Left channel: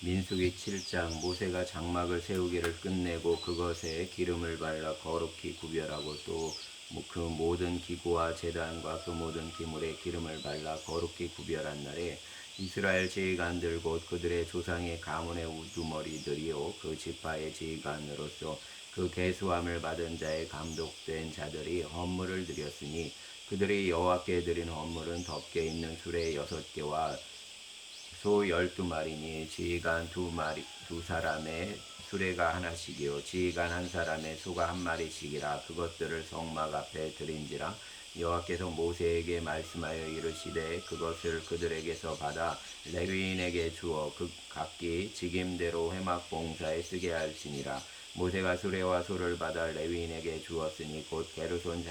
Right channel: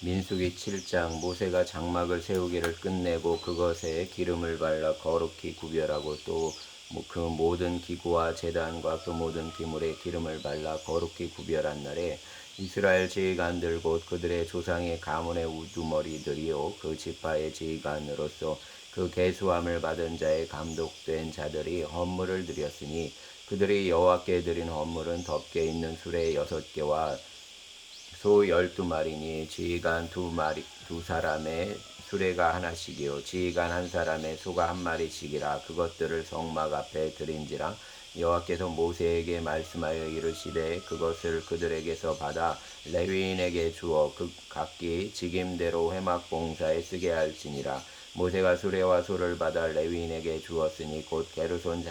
민수기 7장. 모세가 장막을 세우기를 끝내고 그것에 기름을 발라 거룩히 구별하고 또 그 모든 기구와 제단과 그 모든 기물에 기름을 발라 거룩히 구별한 날에 이스라엘 지휘관들 곧 그들의 조상의 가문의 우두머리들이요 그 지파의 지휘관으로서 그 계수함을 받은 자의 감독된 자들이 헌물을 드렸으니 그들이 여호와께 드린 헌물은 덮개 있는 수레 6개와 소 12마리니 지휘관 두 사람의 수레가 하나씩이요 지휘관 한 사람의 소가 한 마리씩이라. 그것들을 성막 앞에 드린지라. 여호와께서 모세에게 말씀하여 이르시되 그것을 그들에게서 받아 레위인에게 주어 그 각기 직임대로 회막 봉사에 쓰게 할지니라. 모세가 수레와 소를 받아 레위인에게 주었으니 곧 게르손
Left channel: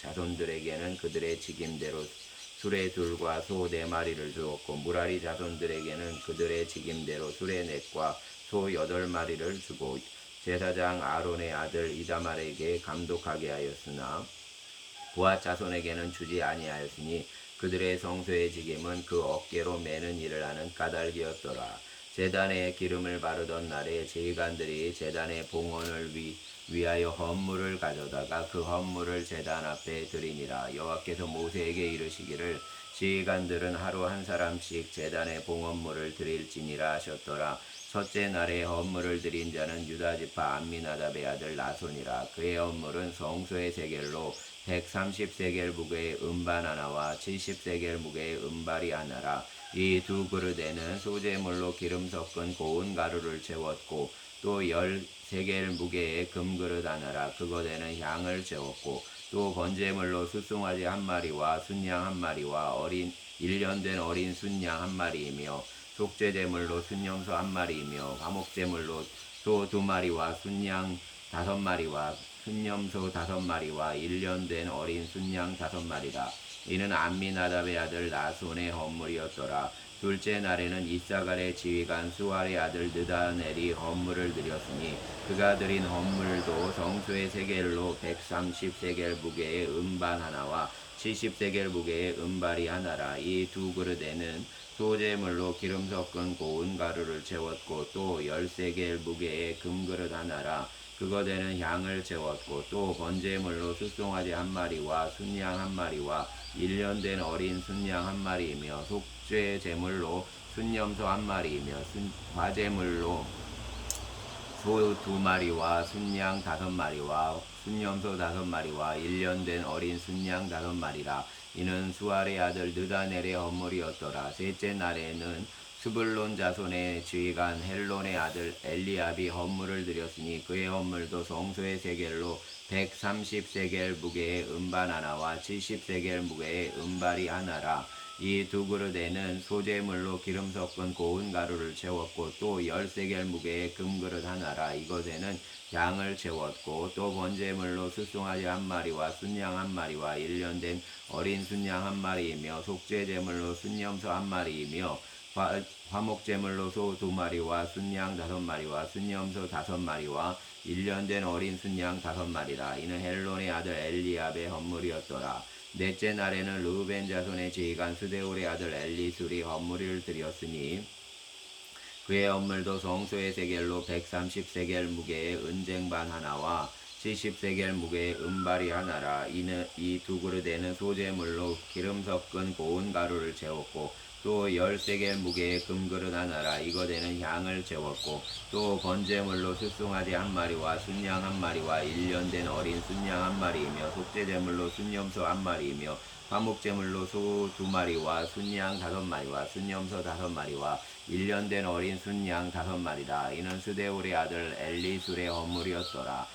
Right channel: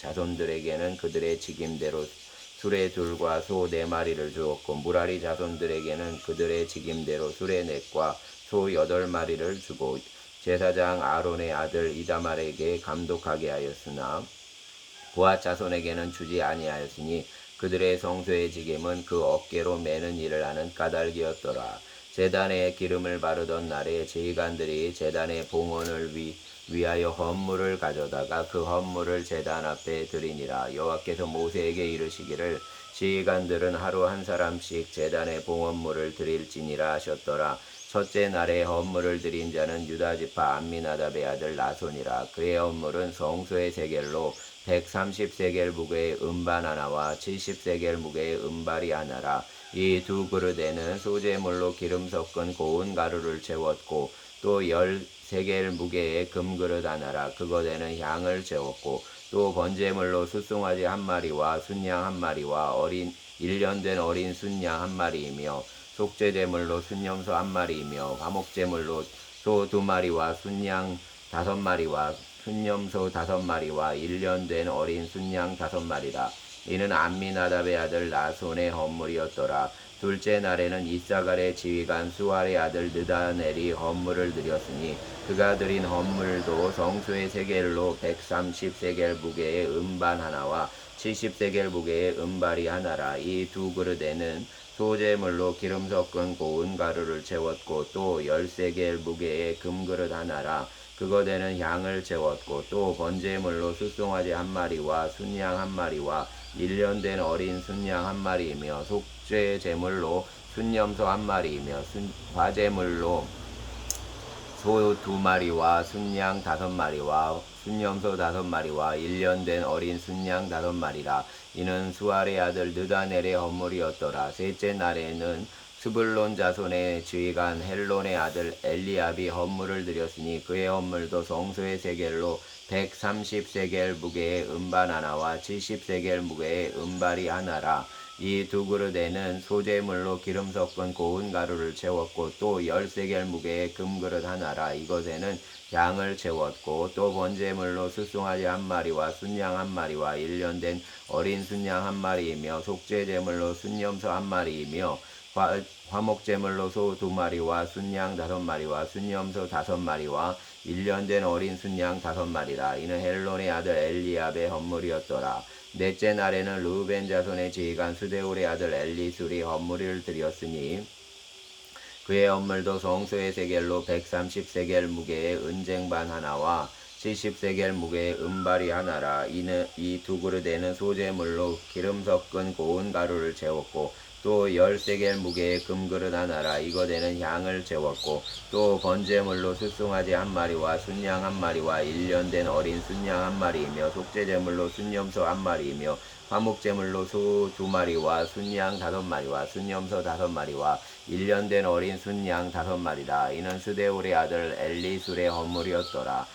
자손들에게는 그들의 직임대로 수레 둘과 소 4마리를 주었고 무라리 자손들에게는 그들의 직임대로 수레 4과 소 8마리를 주고 제사장 아론의 아들 이다말에게 감독하게 하였으나 부하 자손에게는 주지 아니하였으니 그들의 성소의 직임은 그 어깨로 매는 일을 하는 까닭이었더라. 제단에 기름을 바르던 날에 제의관들이 제단의 봉헌을 위하여 헌물을 가져다가 그 헌물을 제단 앞에 드리니라. 여호와께서 모세에게 이르시기를 지휘관들은 하루 한 사람씩 제단의 봉헌물을 드릴지니라 하셨더라. 첫째 날에 헌물을 드린 자는 유다 지파 암미나답의 아들 나손이라. 그의 헌물은 성소의 세겔로 130세겔 무게의 음반 하나와 70세겔 무게의 음발이 하나라. 이 두 그릇에는 소재물로 기름 섞은 고운 가루를 채웠고 또 10세겔 무게의 금그릇 하나라. 그것에는 향을 채웠고 또 번제물로 숫송아지 한 마리와 순양 한 마리와 1년 된 어린 순양 한 마리이며 속죄제물로 순염소 한 마리이며 화목제물로 소 2마리와 순양 5마리와 순염소 5마리와 1년 된 어린 순양 5마리라. 이는 암미나답의 아들 나손의 헌물이었더라. 둘째 날에는 이사갈의 지휘관 수알의 아들 느다넬이 헌물을 드렸으니 그가 드린 헌물도 성소의 세겔로 130세겔 무게의 음반 하나와 70세겔 무게의 음발이 하나라. 이 두 그릇에는 소재물로 기름 섞은 고운 가루를 채웠고 또 10세겔 무게의 금그릇 하나라. 그것에는 향을 채웠고 또 번제물로 숫송아지 한 마리와 순양 한 마리와 1년 된 어린 순양 한 마리이며 속죄 제물로 순염소 한 마리이며 화제물로 소 2마리와 순양 5마리와 순염소 5마리와 1년 된 어린 순양 5마리라. 이는 수알의 아들 느다넬의 헌물이었더라. 셋째 날에는 스불론 자손의 지휘관 헬론의 아들 엘리압이 헌물을 드렸으니 그의 헌물도 성소의 세겔로 130세겔 무게의 음반 하나와 70세겔 무게의 음발이 하나라. 이 두 그릇에는 소재물로 기름 섞은 고운 가루를 채웠고 또 10세겔 무게의 금그릇 하나라. 이것에는 양을 채웠고 또 번제물로 숫송아지 한 마리와 순양 한 마리와 1년 된 어린 순양 한 마리이며 속죄제물로 순염소 한 마리이며 화목제물로 소 2마리와 순양 5마리와 순염소 5마리와 1년 된 어린 순양 5마리라. 이는 헬론의 아들 엘리압의 헌물이었더라. 넷째 날에는 르우벤 자손의 지휘관 수데울의 아들 엘리술이 헌물을 드렸으니 그의 헌물도 성소의 세겔로 130세겔 무게의 은쟁반 하나와 70세겔 무게의 은발이 하나라. 이는 이 두 그릇에는 소재물로 기름 섞은 고운 가루를 채웠고 또 10세겔 무게의 금그릇 하나라. 이것에는 향을 채웠고 또 번제물로 숫송아지 한 마리와 순양 한 마리와 1년 된 어린 순양 한 마리이며 속죄제물로 순염소 한 마리이며 화목제물로 소 2마리와 순양 5마리와 순염소 5마리와 1년 된 어린 순양 5마리다. 이는 스데울의 아들 엘리술의 헌물이었더라.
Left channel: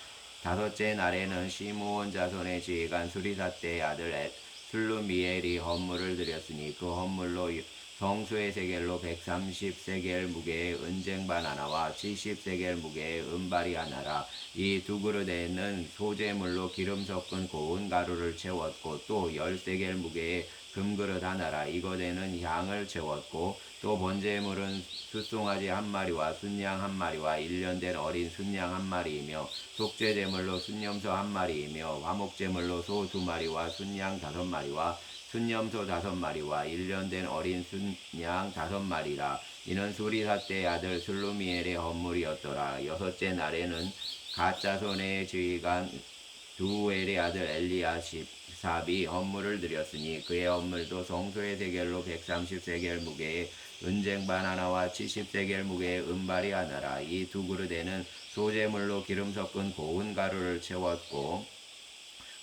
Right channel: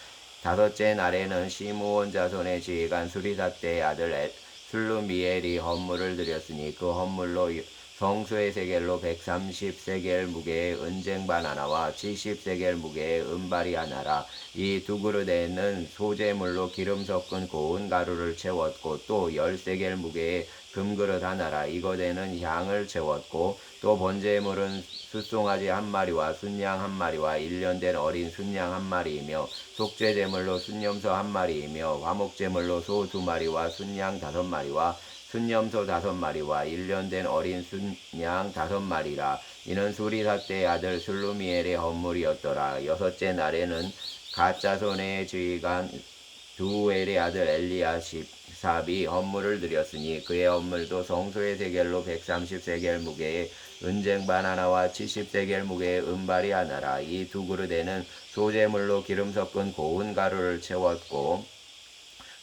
다섯째 날에는 시므온 자손의 지휘관 수리삭대의 아들 슬루미엘이 헌물을 드렸으니 그 헌물로 성소의 세겔로 130세겔 무게의 은쟁반 하나와 70세겔 무게의 은발이 하나라. 이 두 그릇에는 소재물로 기름 섞은 고운 가루를 채웠고 또 10세겔 무게의 금그릇 하나라. 이것에는 향을 채웠고 또 번제물은 숫송아지 한 마리와 순양 한 마리와 1년 된 어린 순양 한 마리이며 속죄제물로 순염소 한 마리이며 화목제물로 소 2마리와 순양 5마리와 순염소 5마리와 1년 된 어린 순양 5마리라. 이는 수리사 때의 아들 슬루미엘의 헌물이었더라. 여섯째 날에는 갓 자손의 지휘관 두엘의 아들 엘리야삽이 헌물을 드렸으니 그의 헌물도 성소의 세겔로 130세겔 무게의 은쟁반 하나와 70세겔 무게의 은발이 하나라. 이 두 그릇에는 소재물로 기름 섞은 고운 가루를 채웠고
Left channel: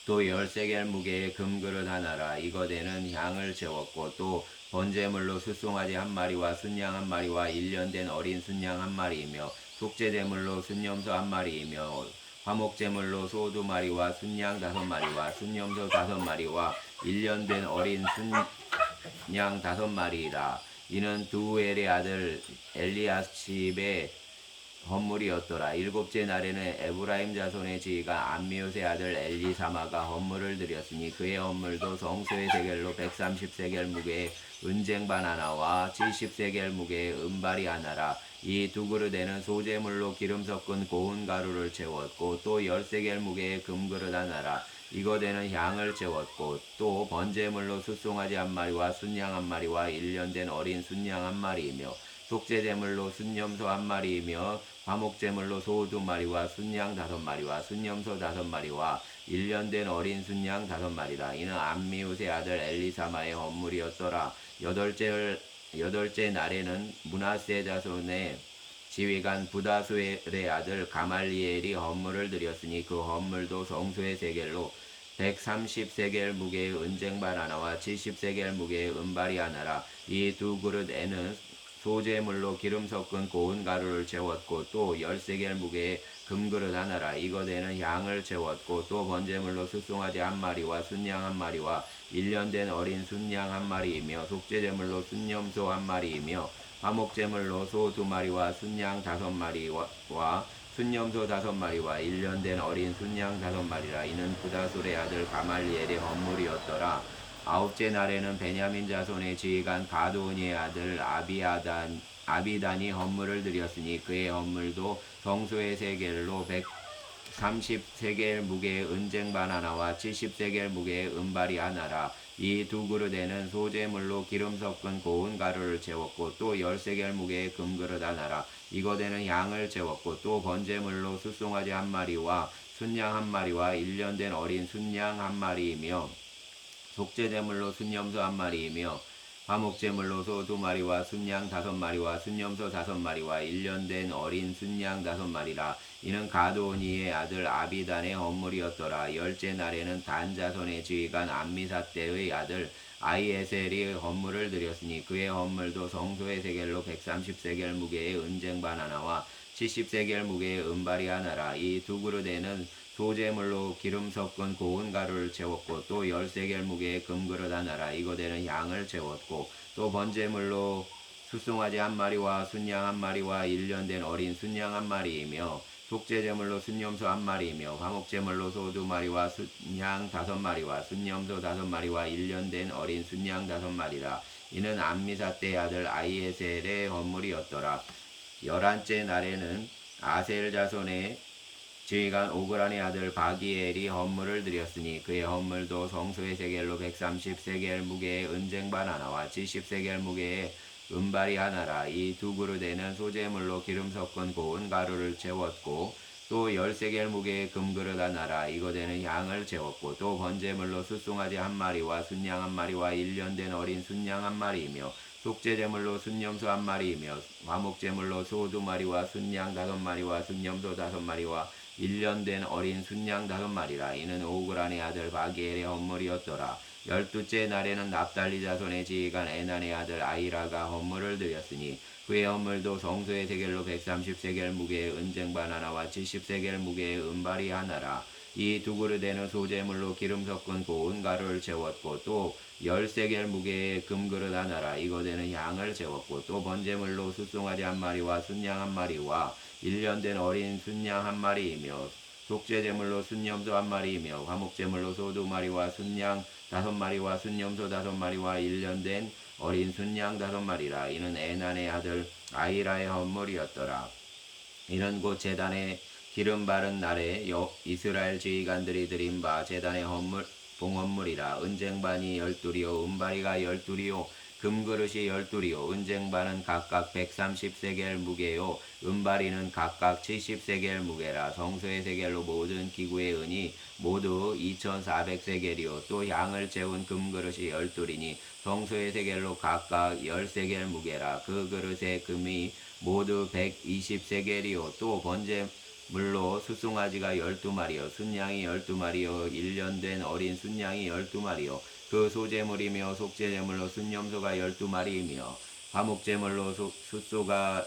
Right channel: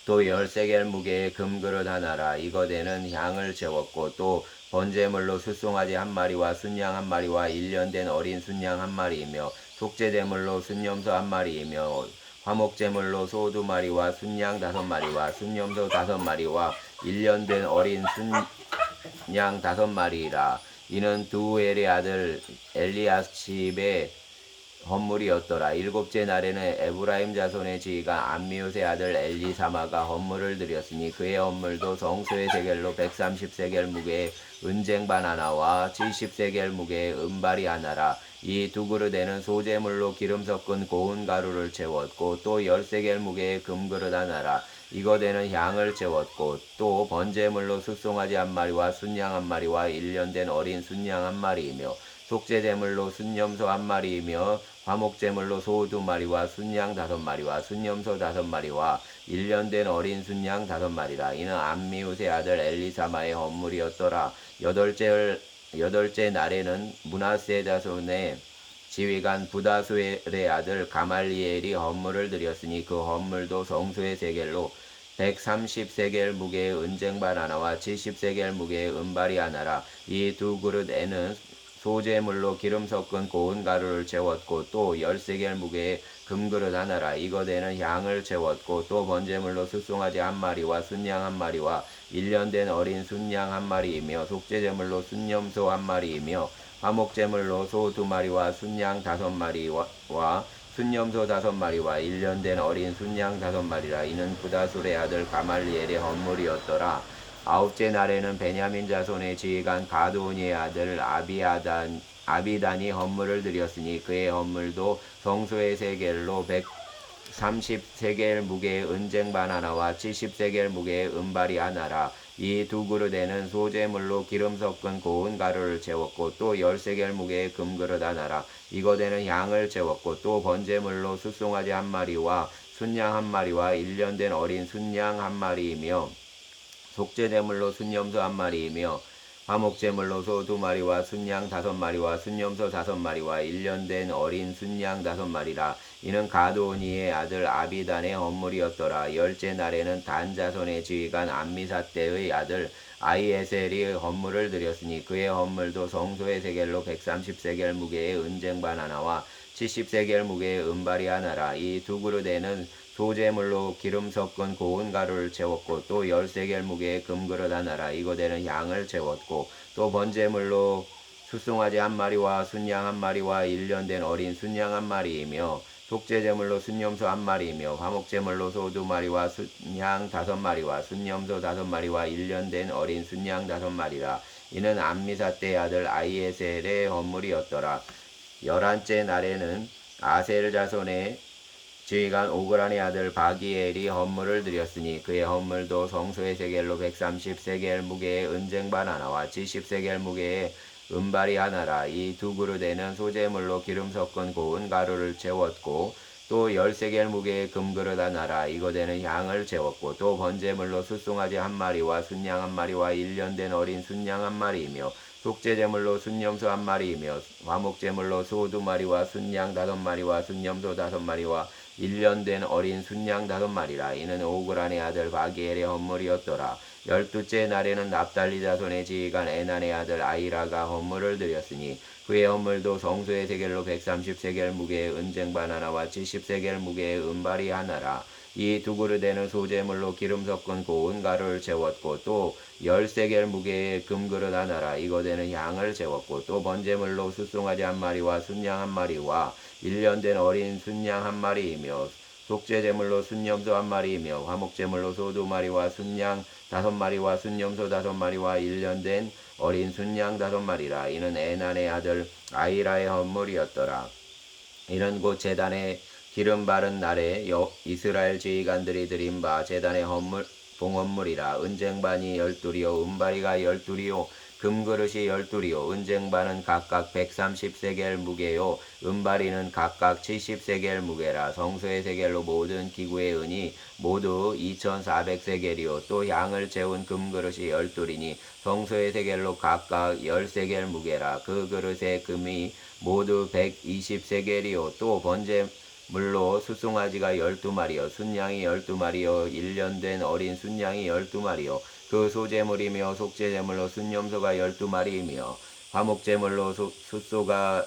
또 10세겔 무게의 금그릇 하나라. 이것에는 향을 채웠고 또 번제물로 숫송아지 한 마리와 순양 한 마리와 1년 된 어린 순양 한 마리이며 속죄제물로 순염소 한 마리이며 화목제물로 소 2마리와 순양 5마리와 순염소 5마리와 1년 된 어린 순양 5마리라. 이는 두엘의 아들 엘리야십의 헌물이었더라. 일곱째 날에는 에브라임 자손의 지휘가 암미웃의 아들 엘리사마가 헌물을 드렸으니 그의 헌물도 성소의 세겔로 130세겔 무게의 은쟁반 하나와 70세겔 무게의 은발이 하나라. 이 두 그릇에는 소재물로 기름 섞은 고운 가루를 채웠고 또 10세겔 무게의 금그릇 하나라. 이것에는 향을 채웠고 또 번제물로 숫송아지 한 마리와 순양 한 마리와 1년 된 어린 순양 한 마리이며 속죄제물로 순염소 한 마리이며 화목제물로 소 2마리와 순양 5마리와 순염소 5마리와 1년 된 어린 순양 5마리라. 이는 암미웃의 아들 엘리사마의 헌물이었더라. 여덟째 날에는 므낫세 자손의 지휘관 부다수엘의 아들 가말리엘이 헌물을 드렸으니 그 헌물도 성소의 세겔로 130세겔 무게의 은쟁반 하나와 70세겔 무게의 은발이 하나라. 이 두 그릇에는 소재물로 기름 섞은 고운 가루를 채웠고 또 10세겔 무게의 금그릇 하나라. 이것에는 향을 채웠고 또 번제물로 숫송아지 한 마리와 순양 한 마리와 1년 된 어린 순양 한 마리이며 속죄제물로 순염소 한 마리이며 화목제물로 소 2마리와 순양 5마리와 순염소 5마리와 1년 된 어린 순양 5마리라. 이는 부다술의 아들 가말리엘의 헌물이었더라. 아홉째 날에는 베냐민 자손의 지휘관 가드오니의 아들 아비단이 헌물을 드렸으니 그의 헌물도 성소의 세겔로 130세겔 무게의 은쟁반 하나와 70세겔 무게의 은발이 하나라. 이 두 그릇에는 소재물로 기름 섞은 고운 가루를 채웠고 또 10세겔 무게의 금그릇 하나라. 이것에는 향을 채웠고 또 번제물로 숫송아지 한 마리와 순양 한 마리와 1년 된 어린 순양 한 마리이며 속죄제물로 순염소 한 마리이며 화목제물로 소 2마리와 순양 5마리와 순염소 5마리와 1년 된 어린 순양 5마리라. 이는 가드오니의 아들 아비단의 헌물이었더라. 열째 날에는 단 자손의 지휘관 암미사떼의 아들 아히에셀이 헌물을 드렸으니 그의 헌물도 성소의 세겔로 130세겔 무게의 은쟁반 하나와 70세겔 무게의 은발이 하나라. 이 두 그릇에는 소재물로 기름 섞은 고운 가루를 채웠고 또 10세겔 무게의 금그릇 하나라. 이것에는 향을 채웠고 또 번제물로 숫송아지 한 마리와 순양 한 마리와 1년 된 어린 순양 한 마리이며 속죄제물로 순염소 한 마리이며 화목제물로 소 2마리와 순양 5마리와 순염소 5마리와 1년 된 어린 순양 5마리라. 이는 암미사떼의 아들 아히에셀의 헌물이었더라. 11째 날에는 아셀 자손의 지휘관 오그란의 아들 바기엘이 헌물을 드렸으니 그의 헌물도 성소의 세겔로 130세겔 무게의 은쟁반 하나와 70세겔 무게의 은발이 하나라. 이 두 그릇에는 소재물로 기름 섞은 고운 가루를 채웠고 또 10세겔 무게의 금그릇 하나라. 이것에는 향을 채웠고 또 번제물로 숫송아지 한 마리와 순양 한 마리와 1년 된 어린 순양 한 마리이며 속죄제물로 순염소 한 마리이며 화목제물로 소 2마리와 순양 5마리와 순염소 5마리와 1년 된 어린 순양 5마리라. 이는 오그란의 아들 바기엘의 헌물이었더라. 12째 날에는 납달리 자손의 지휘관 에난의 아들 아히라가 헌물을 드렸으니 그의 헌물도 성소의 세겔로 130세겔 무게의 은쟁반 하나와 70세겔 무게의 은발이 하나라. 이 두 그릇에는 소재물로 기름 섞은 고운 가루를 채웠고 또 10세겔 무게의 금그릇 하나라. 이것에는 향을 채웠고 또 번제물로 숫송아지 한 마리와 순양 한 마리와 1년 된 어린 순양 한 마리이며 속죄제물로 순염소 한 마리이며 화목제물로 소 2마리와 순양 5마리와 순염소 5마리와 1년 된 어린 순양 5마리라. 이는 에난의 아들 아히라의 헌물이었더라. 이는 곧 제단에 기름 바른 날에 이스라엘 지휘관들이 드린 바 제단의 헌물 봉헌물이라. 은쟁반이 12이요 은바리가 12이요 금그릇이 12이요 은쟁반은 각각 130세겔 무게요 은바리는 각각 70세겔 무게라. 성소의 세겔로 모든 기구의 은이 모두 2400세겔이요 또 향을 채운 금그릇이 12이니 성소의 세겔로 각각 10세겔 무게라. 그 그릇의 금이 모두 120세겔이요 또 번제물로 숫송아지가 12마리요 순양이 12마리요 1년 된 어린 순양이 12마리요 그 소제물이며 속죄제물로 순염소가 12마리이며 화목제물로 숫소가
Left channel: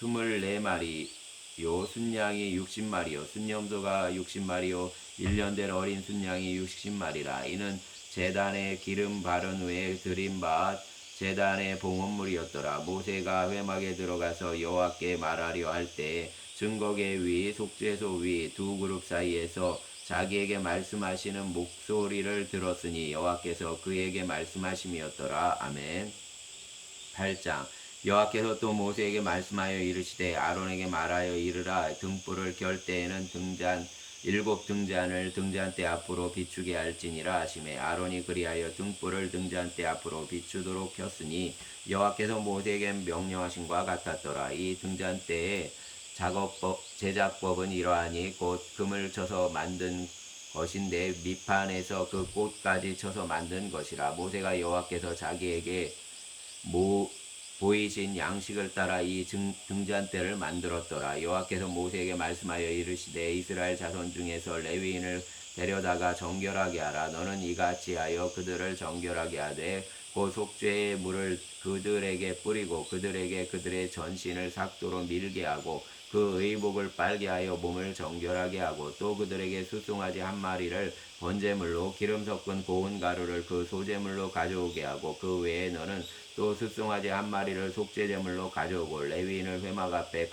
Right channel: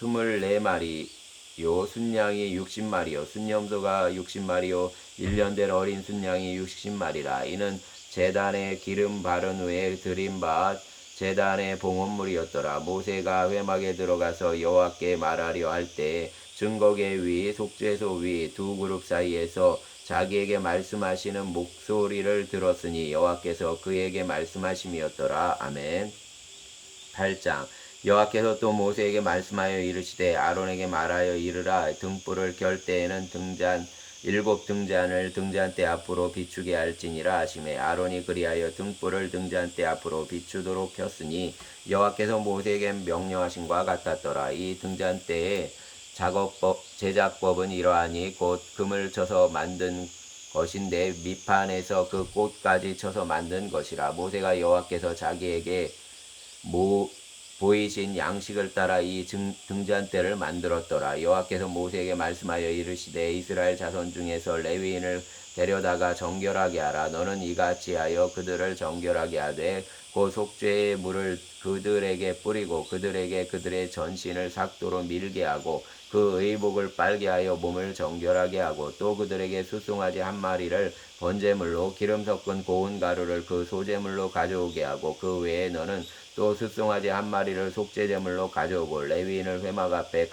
24마리요 순양이 60마리요 순염소가 60마리요 1년 된 어린 순양이 60마리라. 이는 제단에 기름 바른 후에 드린 바 제단의 봉헌물이었더라. 모세가 회막에 들어가서 여호와께 말하려 할 때 증거계 위 속죄소 위 두 그룹 사이에서 자기에게 말씀하시는 목소리를 들었으니 여호와께서 그에게 말씀하심이었더라. 아멘. 8장 여호와께서 또 모세에게 말씀하여 이르시되 아론에게 말하여 이르라. 등불을 켤 때에는 일곱 등잔을 등잔대 앞으로 비추게 할지니라 하시매 아론이 그리하여 등불을 등잔대 앞으로 비추도록 켰으니 여호와께서 모세에게 명령하신 바 같았더라. 이 등잔대의 제작법은 이러하니 곧 금을 쳐서 만든 것인데 밑판에서 그 꽃까지 쳐서 만든 것이라. 모세가 여호와께서 자기에게 보이신 양식을 따라 이 등잔대를 만들었더라. 여호와께서 모세에게 말씀하여 이르시되 이스라엘 자손 중에서 레위인을 데려다가 정결하게 하라. 너는 이같이 하여 그들을 정결하게 하되 곧 속죄의 물을 그들에게 뿌리고 그들에게 그들의 전신을 삭도로 밀게 하고 그 의복을 빨게 하여 몸을 정결하게 하고 또 그들에게 숫송아지 한 마리를 번제물로 기름 섞은 고운 가루를 그 소제물로 가져오게 하고 그 외에 너는 또 숫송아지 한 마리를 속죄제물로 가져오고 레위인을 회막 앞에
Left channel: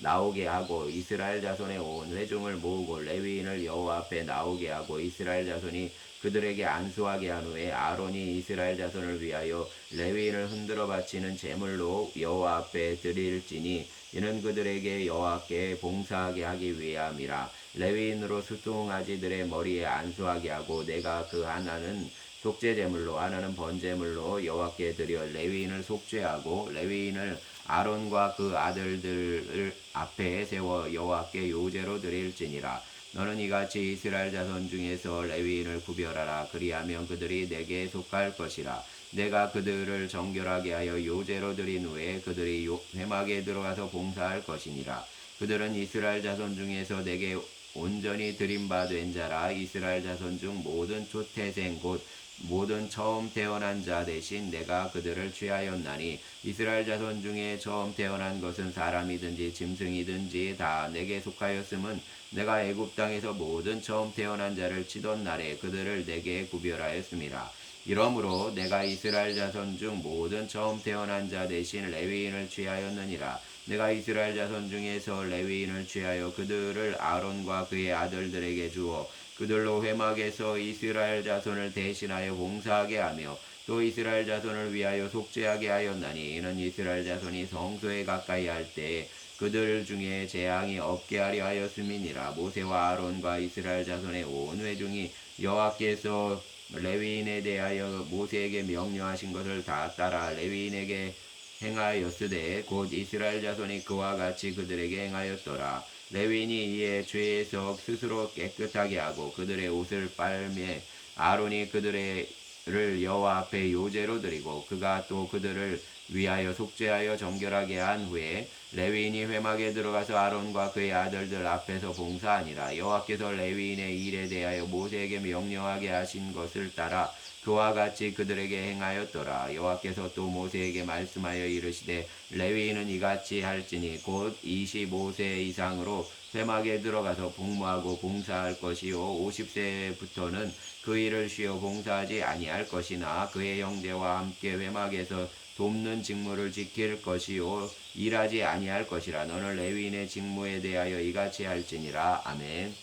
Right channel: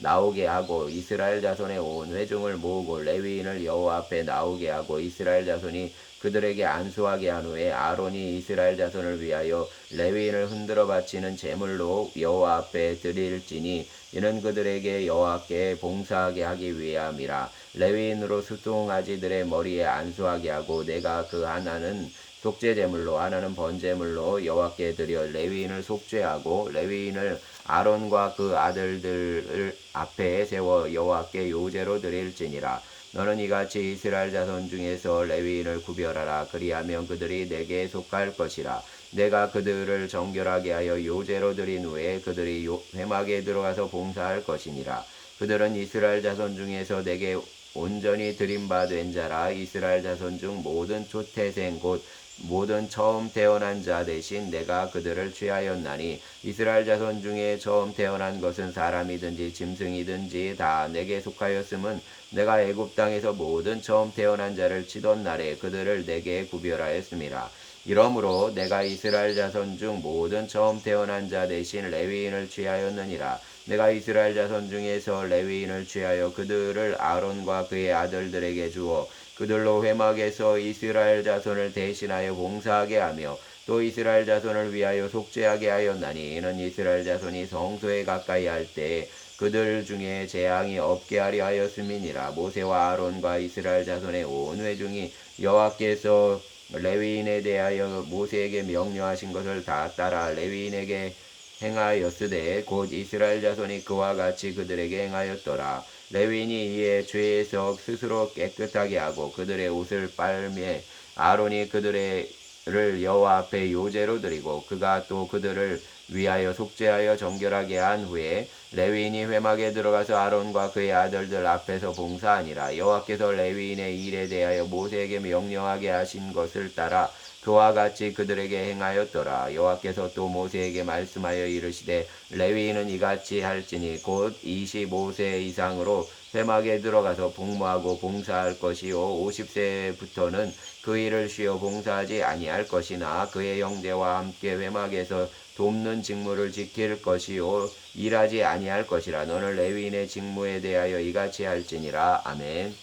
나오게 하고 이스라엘 자손의 온 회중을 모으고 레위인을 여호와 앞에 나오게 하고 이스라엘 자손이 그들에게 안수하게 한 후에 아론이 이스라엘 자손을 위하여 레위인을 흔들어 바치는 제물로 여호와 앞에 드릴지니 이는 그들에게 여호와께 봉사하게 하기 위함이라. 레위인으로 숫송아지들의 머리에 안수하게 하고 내가 그 하나는 속죄제물로 하나는 번제물로 여호와께 드려 레위인을 속죄하고 레위인을 아론과 그 아들들 앞에 세워 여호와께 요제로 드릴지니라. 너는 이같이 이스라엘 자손 중에서 레위인을 구별하라. 그리하면 그들이 내게 속할 것이라. 내가 그들을 정결하게 하여 요제로 드린 후에 그들이 회막에 들어가서 봉사할 것이니라. 그들은 이스라엘 자손 중에서 내게 온전히 드린 바 된 자라. 이스라엘 자손 중 모든 초태생 곧 모든 처음 태어난 자 대신 내가 그들을 취하였나니 이스라엘 자손 중에 처음 태어난 것은 사람이든지 짐승이든지 다 내게 속하였음은 내가 애굽 땅에서 모든 처음 태어난 자를 치던 날에 그들을 내게 구별하였음이라. 이러므로 내가 이스라엘 자손 중 모든 처음 태어난 자 대신 레위인을 취하였느니라. 내가 이스라엘 자손 중에서 레위인을 취하여 그들을 아론과 그의 아들들에게 주어 그들로 회막에서 이스라엘 자손을 대신하여 봉사하게 하며 또 이스라엘 자손을 위하여 속죄하게 하였나니 이는 이스라엘 자손이 성소에 가까이 할 때 그들 중에 재앙이 없게 하려 하였음이니라. 모세와 아론과 이스라엘 자손의 온 회중이 여호와께서 레위인에 대하여 모세에게 명령하신 것을 다 따라 레위인에게 행하였으되 곧 이스라엘 자손이 그와 같이 그들에게 행하였더라. 레위인이 이에 죄에서 스스로 깨끗하게 하고 그들의 옷을 빨매 아론이 그들을 여호와 앞에 요제로 드리고 그가 또 그들을 위하여 속죄하여 정결하게 한 후에 레위인이 회막에 들어가서 아론과 그의 아들들 앞에서 봉사하니라. 여호와께서 레위인의 일에 대하여 모세에게 명령하게 하신 것을 따라 그와 같이 그들에게 행하였더라. 여호와께서 또 모세에게 말씀하여 이르시되 레위인은 이같이 할지니 곧 25세 이상으로 회막에 들어가서 복무하고 봉사할 것이요 50세부터는 그 일을 쉬어 봉사하지 아니할 것이나 그의 형제와 함께 회막에서 돕는 직무를 지킬 것이요 일하지 아니할 것이라. 너는 레위인의 직무에 대하여 이같이 할지니라. 아멘.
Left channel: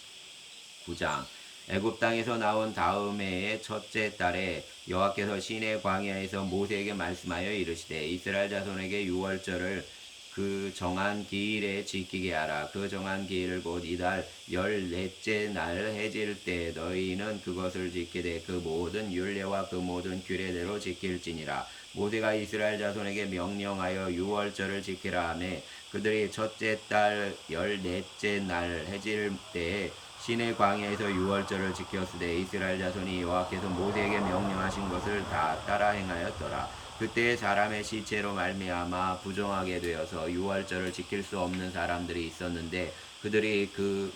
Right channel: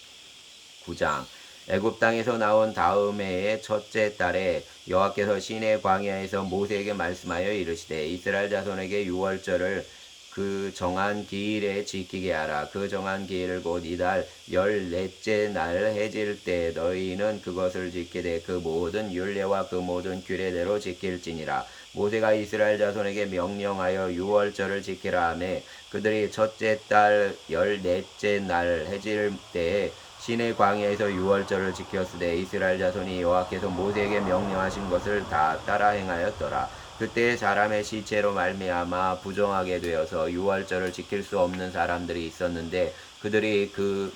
9장 애굽 땅에서 나온 다음 해의 첫째 달에 여호와께서 시내 광야에서 모세에게 말씀하여 이르시되 이스라엘 자손에게 유월절을 그 정한 기일에 지키게 하라. 그 정한 기일을 곧 이달 14째 날 해질 때 너희는 그것을 지키되 그 모든 율례와 그 모든 규례대로 지킬지니라. 모세가 이스라엘 자손에게 명령하여 유월절을 지키라 하매 그들이 첫째 달 14째 날 해질 때에 시내 광야에서 유월절을 지켰으되 이스라엘 자손이 여호와께서 모세에게 명령하신 것을 다 따라 행하였더라. 그때 사람의 시체로 말미암아 부정하게 되어서 유월절을 지킬 수 없는 사람들이 있었는데 그들이 그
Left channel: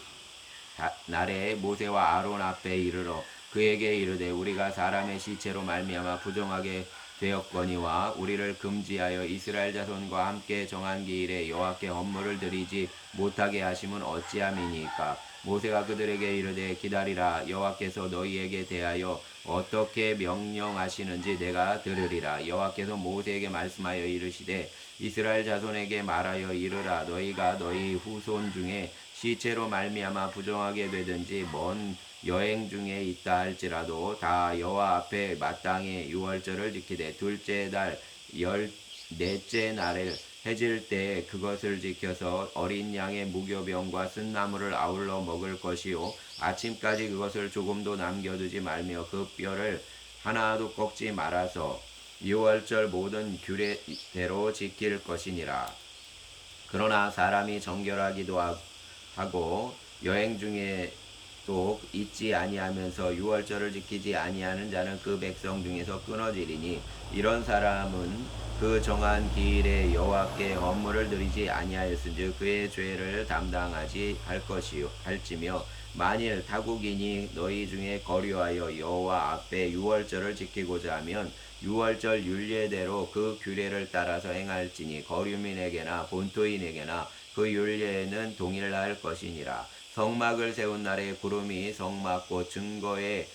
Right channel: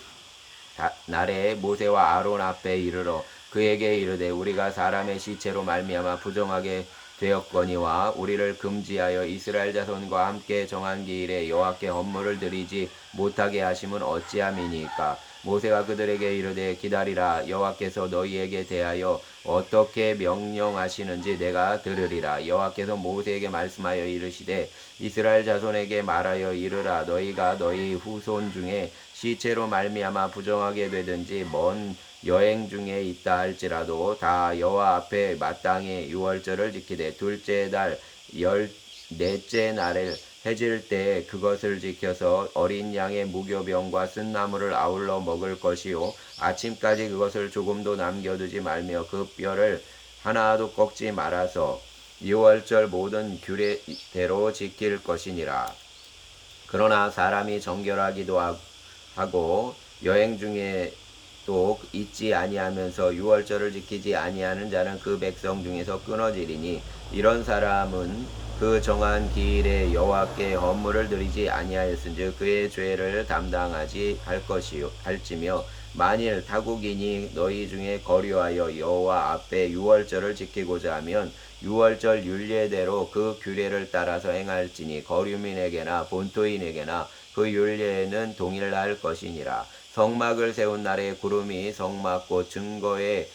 날에 모세와 아론 앞에 이르러 그에게 이르되 우리가 사람의 시체로 말미암아 부정하게 되었거니와 우리를 금지하여 이스라엘 자손과 함께 정한 기일에 여호와께 헌물을 드리지 못하게 하심은 어찌함이니까. 모세가 그들에게 이르되 기다리라. 여호와께서 너희에게 대하여 어떻게 명령하시는지 내가 들으리라. 여호와께서 모세에게 말씀하여 이르시되 이스라엘 자손에게 말하여 이르라. 너희가 너희 후손 중에 시체로 말미암아 부정하게 되든지 먼 여행 중에 있다 할지라도 다 여호와 앞에 마땅히 유월절을 지키되 둘째 달 14째 날에 해질 때 그것을 지켜서 어린 양의 무교병과 쓴나물을 아울러 먹을 것이요 아침까지 그것을 조금도 남겨두지 말며 그 뼈를 하나도 꺾지 말아서 유월절 모든 규례대로 지킬 것이니라. 그러나 사람이 정결하기도 하고 여행 중에 또 잊지 아니하면서 유월절을 지키지 아니하는 자는 그 백성 중에서 끊어지리니 이런 사람은 그 정한 기일에 여호와께 헌물을 드리지 아니하였은즉 그의 죄를 담당하지 할지며 만일 타국인이 너희 중에 거류하여 여호와 앞에 유월절을 지키고자 하면 유월절 율례대로 그 규례를 따라서 행할지니 거류민에게나 본토인에게나 그 율례는 동일할 것이니라. 성막을 세운 날에 구름이 성막 증거의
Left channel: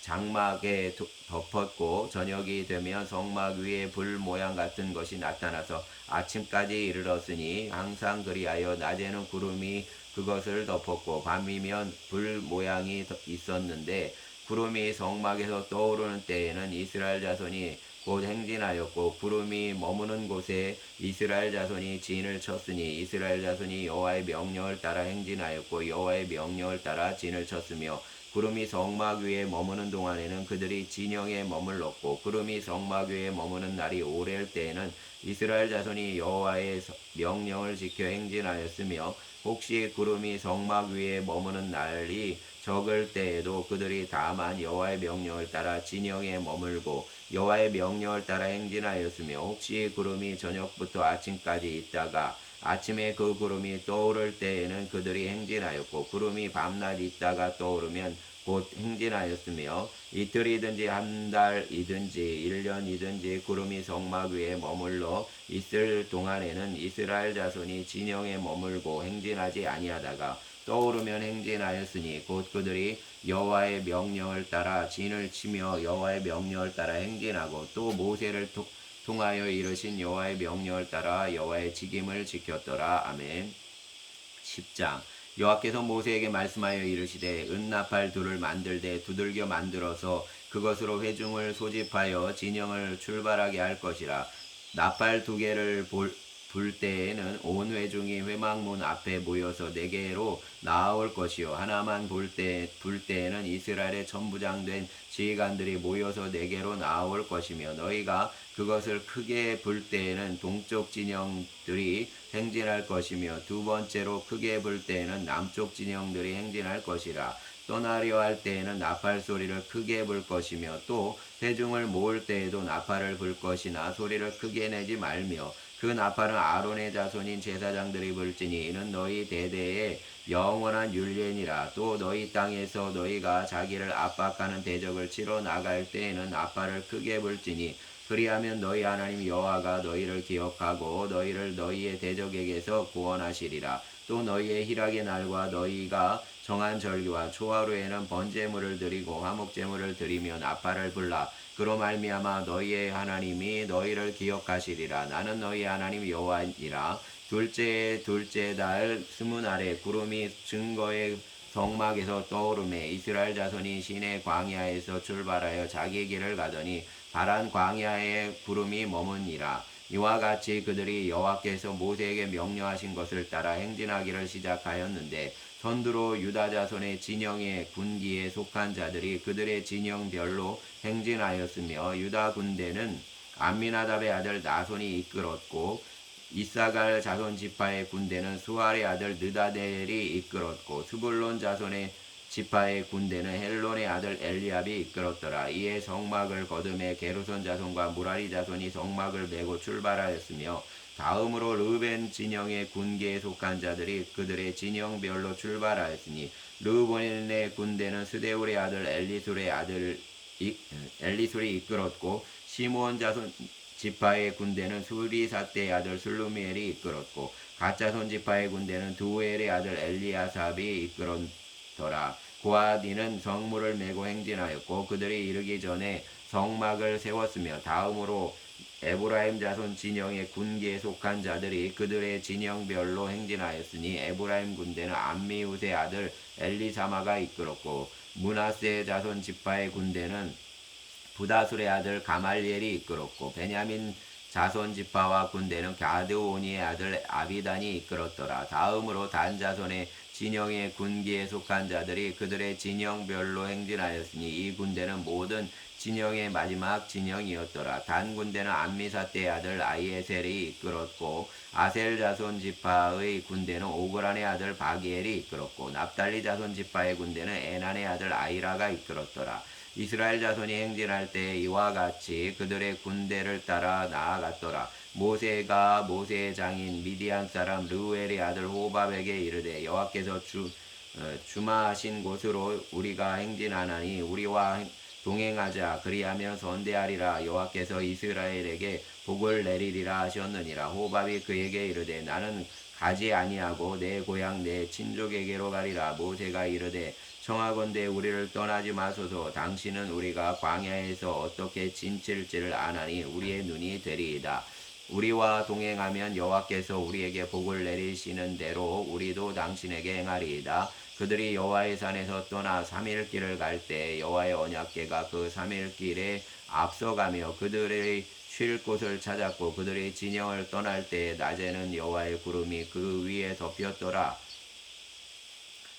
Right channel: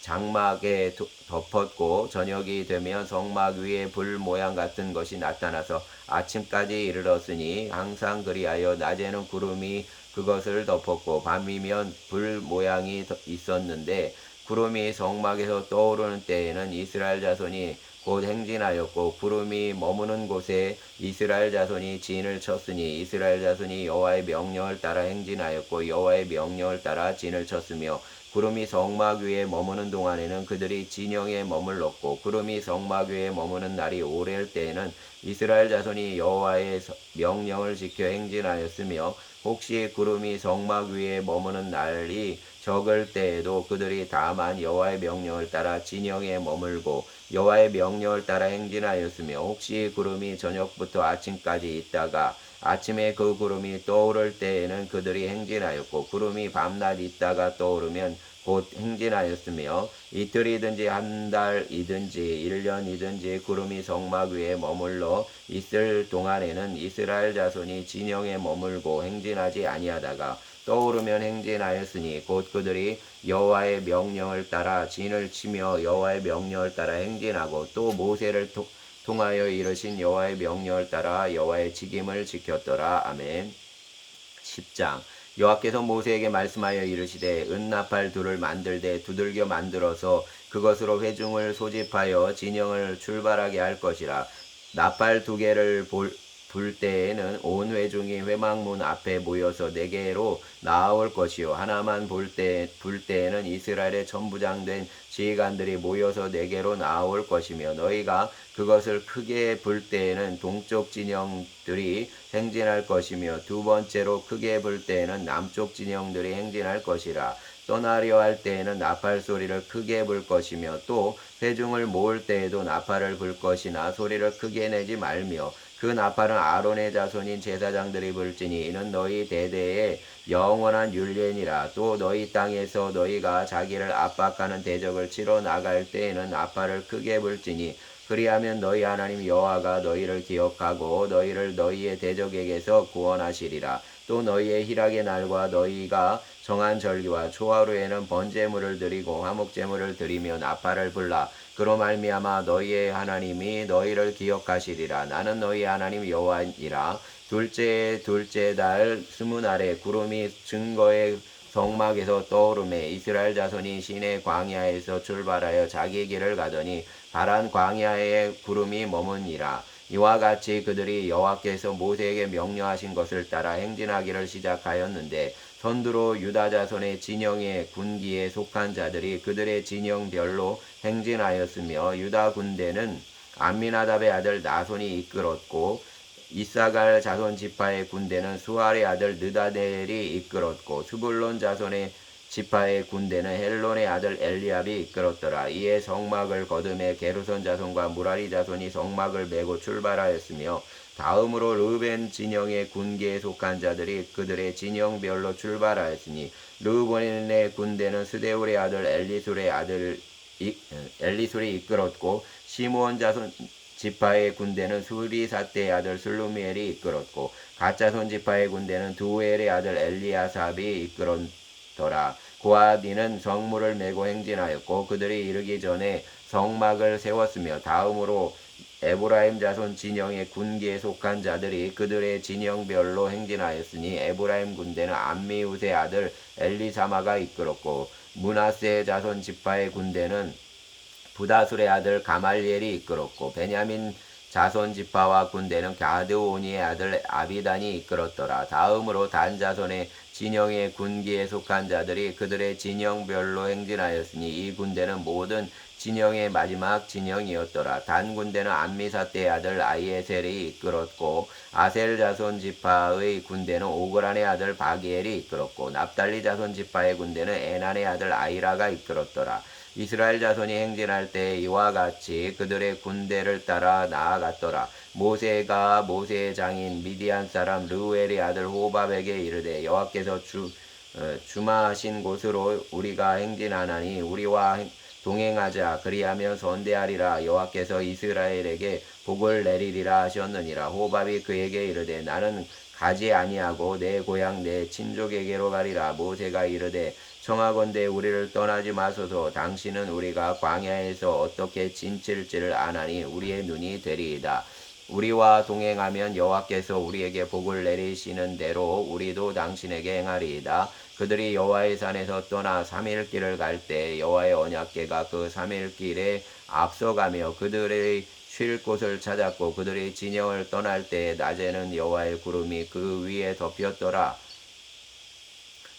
장막에 덮었고 저녁이 되면 성막 위에 불 모양 같은 것이 나타나서 아침까지 이르렀으니 항상 그리하여 낮에는 구름이 그것을 덮었고 밤이면 불 모양이 있었는데 구름이 성막에서 떠오르는 때에는 이스라엘 자손이 곧 행진하였고 구름이 머무는 곳에 이스라엘 자손이 진을 쳤으니 이스라엘 자손이 여호와의 명령을 따라 행진하였고 여호와의 명령을 따라 진을 쳤으며 구름이 성막 위에 머무는 동안에는 그들이 진영에 머물렀고 구름이 성막 위에 머무는 날이 오래일 때에는 이스라엘 자손이 여호와의 명령을 지켜 행진하였으며 혹시 구름이 성막 위에 머무는 날이 적을 때에도 그들이 다만 여호와의 명령을 따라 진영에 머물고 여호와의 명령을 따라 행진하였으며 혹시 구름이 저녁부터 아침까지 있다가 아침에 그 구름이 떠오를 때에는 그들이 행진하였고 구름이 밤낮 있다가 떠오르면 곧 행진하였으며 이틀이든지 한 달이든지 1년이든지 구름이 성막 위에 머물러 있을 동안에는 이스라엘 자손이 진영에 머물고 행진하지 아니하다가 떠오르면 행진하였으니 곧 그들이 여호와의 명령을 따라 진을 치며 여호와의 명령을 따라 행진하고 또 모세를 통하여 이르신 여호와의 명령을 따라 여호와의 직임을 지켰더라. 아멘. 10장. 여호와께서 모세에게 말씀하여 이르시되 은나팔 둘을 만들되 두들겨 만들어서 그것으로 회중을 소집하여 진영을 출발하게 할 것이라. 나팔 두 개를 불 때에는 온 회중이 회막문 앞에 모여서 네개로 나아올 것이요 하나만 불 때에는 이스라엘의 천부장된 지휘관들이 모여서 네개로 나아올 것이며 너희가 그것을 크게 불 때에는 동쪽 진영들이 행진할 것이며 두 번째로 크게 불 때에는 남쪽 진영들이 행진할 것이라. 떠나려 할 때에는 나팔 소리를 크게 불 것이며 또 회중을 모을 때에도 나팔을 불 것이나 소리를 크게 내지 말며 그 나팔은 아론의 자손인 제사장들이 불지니 이는 너희 대대의 영원한 율례니라. 또 너희 땅에서 너희가 자기를 압박하는 대적을 치러 나갈 때에는 나팔을 크게 불지니 그리하면 너희 하나님 여호와가 너희를 기억하고 너희를 너희의 대적에게서 구원하시리라. 또 너희의 희락의 날과 너희가 정한 절기와 초하루에는 번제물을 드리고 화목제물을 드리며 나팔을 불라. 그로 말미암아 너희의 하나님이 너희를 기억하시리라. 나는 너희 하나님 여호와니라. 둘째 달 20날에 구름이 증거의 성막에서 떠오르매 이스라엘 자손이 시내 광야에서 출발하여 자기 길을 가더니 바란 광야에 구름이 머무니라. 이와 같이 그들이 여호와께서 모세에게 명령하신 것을 따라 행진하기를 시작하였는데 선두로 유다 자손의 진영의 군기에 속한 자들이 그들의 진영별로 행진하였으며 유다 군대는 암미나답의 아들 나손이 이끌었고 이사갈 자손 지파의 군대는 수알의 아들 느다델이 이끌었고 스불론 자손의 지파의 군대는 헬론의 아들 엘리압이 이끌었더라. 이에 성막을 거듭해 게르손 자손과 무라리 자손이 성막을 메고 출발하였으며 다음으로 르벤 진영의 군기에 속한 자들이 그들의 진영별로 출발하였으니 르벤의 군대는 스데울의 아들 엘리술이 이끌었고 시므온 자손 지파의 군대는 수리사떼의 아들 슬루미엘이 이끌었고 갓자손 지파의 군대는 두엘의 아들 엘리아삽이 이끌었더라. 고아디는 성물을 메고 행진하였고 그들이 이르기 전에 성막을 세웠으며 다음으로 에브라임 자손 진영의 군기에 속한 자들이 그들의 진영별로 행진하였으니 에브라임 군대는 암미우스의 아들 엘리사마가 이끌었고 므낫세 자손 지파의 군대는 부다술의 아들 가말리엘이 이끌었고 베냐민 자손 지파와 군대는 가드오니의 아들 아비단이 이끌었더라. 다음으로 단 자손의 진영의 군기에 속한 자들이 그들의 진영별로 행진하였으니 이 군대는 모든 진영의 마지막 진영이었더라. 단 군대는 암미사떼의 아들 아이에셀이 이끌었고 아셀 자손 지파의 군대는 오그란의 아들 바기엘이 이끌었고 납달리 자손 지파의 군대는 에난의 아들 아이라가 이끌었더라. 이스라엘 자손이 행진할 때 이와 같이 그들의 군대를 따라 나아갔더라. 모세가 모세의 장인 미디안 사람 르우엘의 아들 호밥에게 이르되 여호와께서 주마하신 곳으로 우리가 행진하나니 우리와 동행하자. 그리하면 선대하리라. 여호와께서 이스라엘에게 복을 내리리라 하셨느니라. 호밥이 그에게 이르되 나는 가지 아니하고 내 고향 내 친족에게로 가리라. 모세가 이르되 청하건대 우리를 떠나지 마소서. 당신은 우리가 광야에서 어떻게 진칠지를 아나니 우리의 눈이 되리이다. 우리와 동행하면 여호와께서 우리에게 복을 내리시는 대로 우리도 당신에게 행하리이다. 그들이 여호와의 산에서 떠나 3일 길을 갈 때 여호와의 언약궤가 그 3일 길에 앞서가며 그들의 쉴 곳을 찾았고 그들이 진영을 떠날 때 낮에는 여호와의 구름이 그 위에 덮였더라.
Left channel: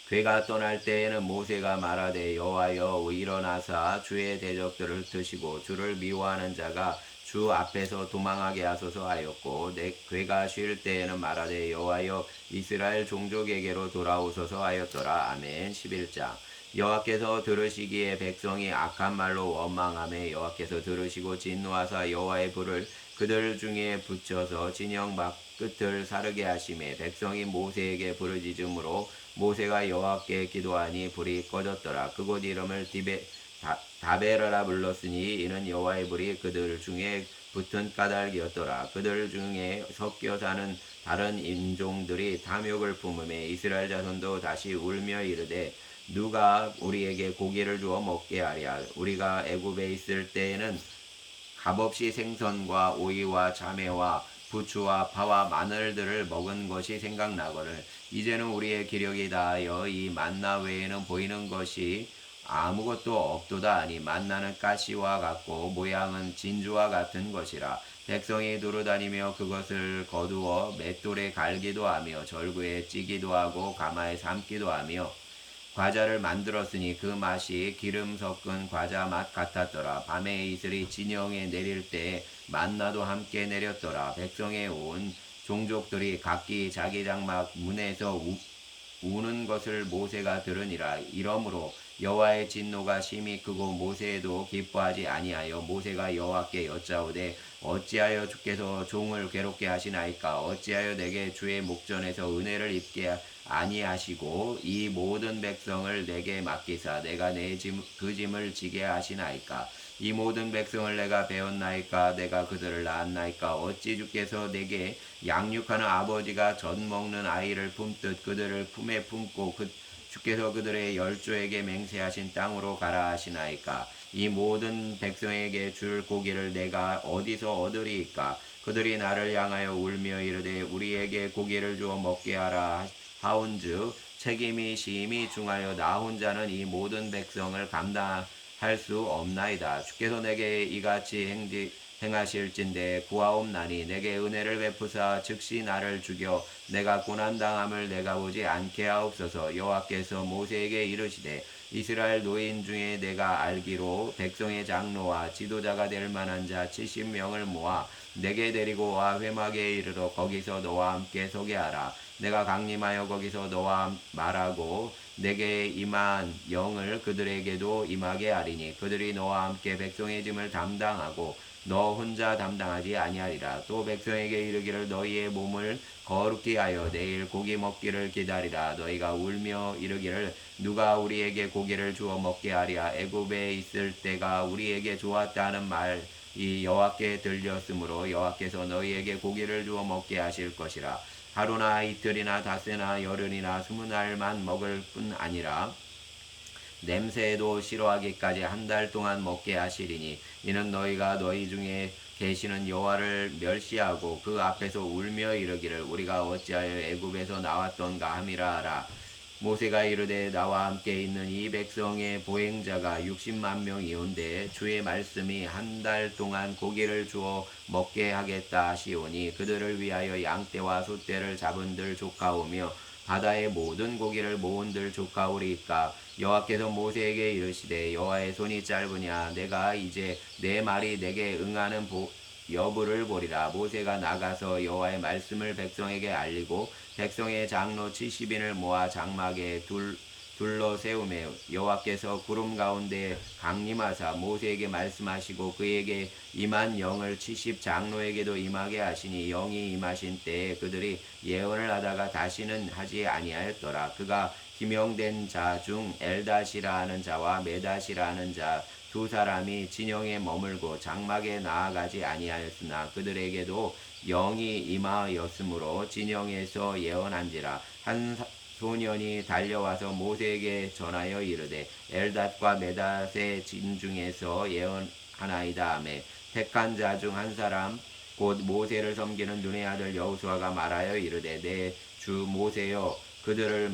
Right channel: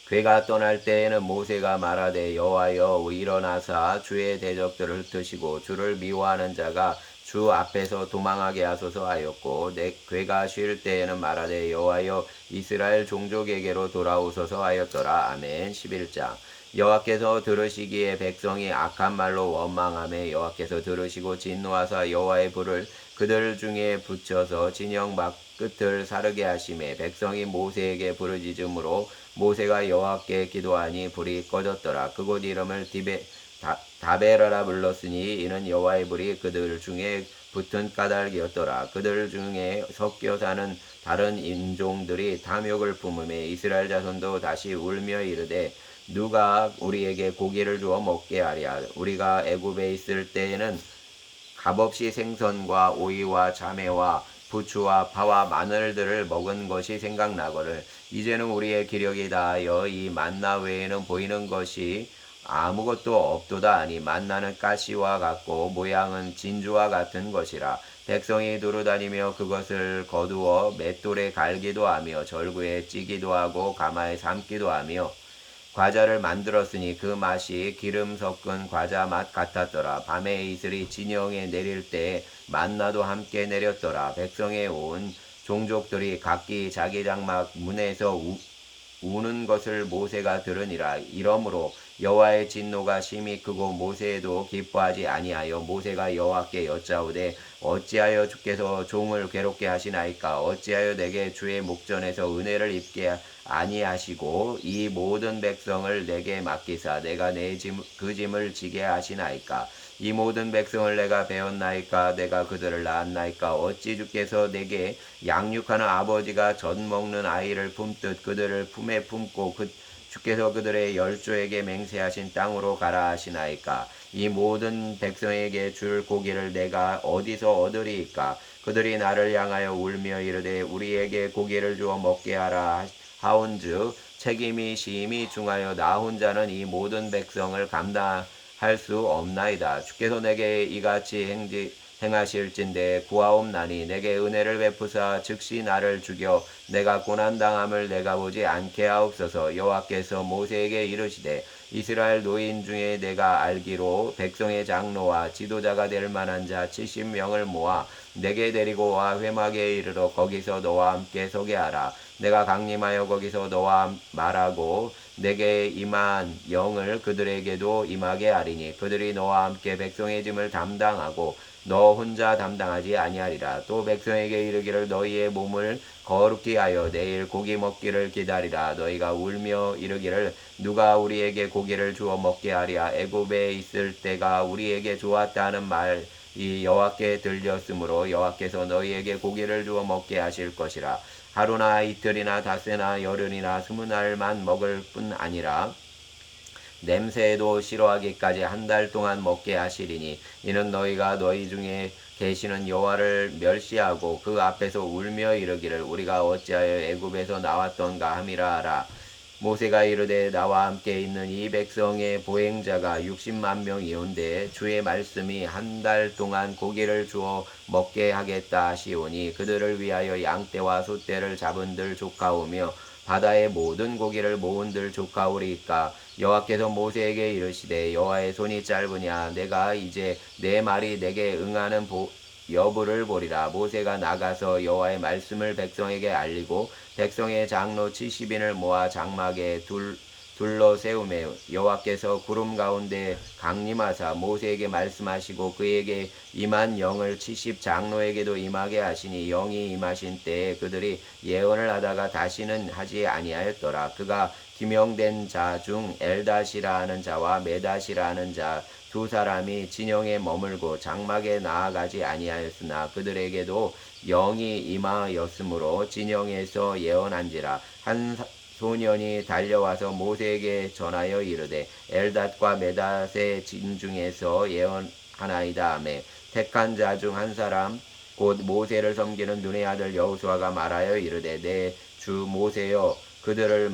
그가 떠날 때에는 모세가 말하되 여호와여 일어나사 주의 대적들을 흩으시고 주를 미워하는 자가 주 앞에서 도망하게 하소서 하였고 그가 쉴 때에는 말하되 여호와여 이스라엘 종족에게로 돌아오소서 하였더라. 아멘. 11장. 여호와께서 들으시기에 백성이 악한 말로 원망하며 여호와께서 들으시고 진노하사 여호와의 불을 그들 중에 붙여서 진영 밖 끝을 사르게 하시매 백성이 모세에게 부르짖음으로 모세가 여호와께 기도하니 불이 꺼졌더라. 그곳 이름을 다베라라 불렀으니 이는 여호와의 불이 그들 중에 붙은 까닭이었더라. 그들 중에 섞여 사는 다른 인종들이 탐욕을 품으며 이스라엘 자손도 다시 울며 이르되 누가 우리에게 고기를 주어 먹게 하랴. 우리가 애굽에 있을 때에는 값없이 생선과 오이와 자매와 부추와 파와 마늘들을 먹은 것이 생각나거늘 이제는 우리의 기력이 다하여 이 만나 외에는 보이는 것이 아무것도 없도다 하니 만나는 가시와 같고 모양은 진주와 같은 것이라. 백성이 두루다니며 그것을 거두어 맷돌에 갈기도 하며 절구에 찌기도 하고 가마에 삶기도 하며 과자를 만들었으니 그 맛이 기름 섞은 과자 맛 같았더라. 밤에 이슬이 진영에 내릴 때 만나도 함께 내렸더라. 백성에 온 종족들이 각기 자기 장막 문에서 우는 것을 모세가 들으니라. 이러므로 여호와의 진노가 심히 크고 모세도 기뻐하지 아니하여 모세가 여호와께 여짜오되 어찌하여 주께서 종을 괴롭게 하시나이까. 어찌하여 내게 주의 목전에서 은혜를 입게 아니하시고 이 모든 백성을 내게 맡기사 내가 그 짐을 지게 하시나이까. 이 모든 백성을 내가 배웠나이까. 내가 그들을 낳았나이까. 어찌 주께서 내게 양육하는 아버지가 젖 먹는 아이를 품듯 그들을 품에 품고 주께서 그들의 열조에게 맹세하신 땅으로 가라 하시나이까. 이 모든 백성에게 줄 고기를 내가 어디서 얻으리이까. 그들이 나를 향하여 울며 이르되 우리에게 고기를 주어 먹게 하라 하온즉 책임이 심히 중하여 나 혼자는 이 모든 백성을 감당할 수 없나이다. 주께서 내게 이같이 행하실진대 구하옵나니 내게 은혜를 베푸사 즉시 나를 죽여 내가 고난당함을 내가 보지 않게 하옵소서. 여호와께서 모세에게 이르시되 이스라엘 노인 중에 내가 알기로 백성의 장로와 지도자가 될 만한 자 70명을 모아 내게 데리고 와 회막에 이르러 거기서 너와 함께 서게 하라. 내가 강림하여 거기서 너와 말하고 내게 임한 영을 그들에게도 임하게 하리니 그들이 너와 함께 백성의 짐을 담당하고 너 혼자 담당하지 아니하리라. 또 백성에게 이르기를 너희의 몸을 거룩히 하여 내일 고기 먹기를 기다리라. 너희가 울며 이르기를 누가 우리에게 고기를 주어 먹게 하랴. 애굽에 있을 때가 우리에게 좋았다는 말이 여호와께 들렸으므로 여호와께서 너희에게 고기를 주어 먹게 하실 것이라. 하루나 이틀이나 닷새나 열흘이나 20날만 먹을 뿐 아니라 냄새도 싫어하기까지 한 달 동안 먹게 하시리니 이는 너희가 너희 중에 계시는 여호와를 멸시하고 그 앞에서 울며 이르기를 우리가 어찌하여 애굽에서 나왔던가 함이라 하라. 모세가 이르되 나와 함께 있는 이 백성의 보행자가 60만 명이온데 주의 말씀이 한 달 동안 고기를 주어 먹게 하겠다 하시오니 그들을 위하여 양떼와 소떼를 잡은들 조카오며 바다의 모든 고기를 모은들 조카오리이까. 여호와께서 모세에게 이르시되 여호와의 손이 짧으냐 내가 이제 내 말이 내게 응하는 여부를 보리라. 모세가 나가서 여호와의 말씀을 백성에게 알리고 백성의 장로 70인을 모아 장막에 둘러 세우매 여호와께서 구름 가운데 강림하사 모세에게 말씀하시고 그에게 임한 영을 70 장로에게도 임하게 하시니 영이 임하신 때에 그들이 예언을 하다가 다시는 하지 아니하였더라. 그가 기명된 자 중 엘닷이라 하는 자와 메닷이라 하는 자 두 사람이 진영에 머물고 장막에 나아가지 아니하였으나 그들에게도 영이 임하였으므로 진영에서 예언한지라. 한 소년이 달려와서 모세에게 전하여 이르되 엘닷과 메닷의 진 중에서 예언하나이다 하매 택한 자 중 한 사람 곧 모세를 섬기는 눈의 아들 여호수아가 말하여 이르되 내 주 모세여 그들을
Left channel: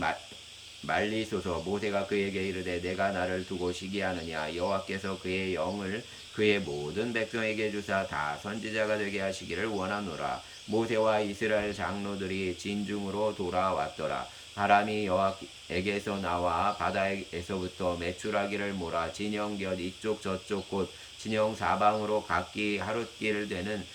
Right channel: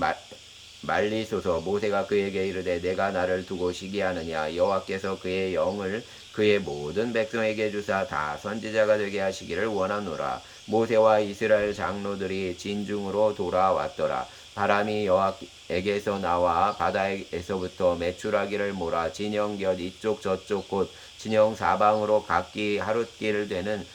말리소서. 모세가 그에게 이르되 내가 나를 두고 시기하느냐. 여호와께서 그의 영을 그의 모든 백성에게 주사 다 선지자가 되게 하시기를 원하노라. 모세와 이스라엘 장로들이 진중으로 돌아왔더라. 바람이 여호와에게서 나와 바다에서부터 메추라기를 몰아 진영 곁 이쪽 저쪽 곧 진영 사방으로 각기 하룻길 되는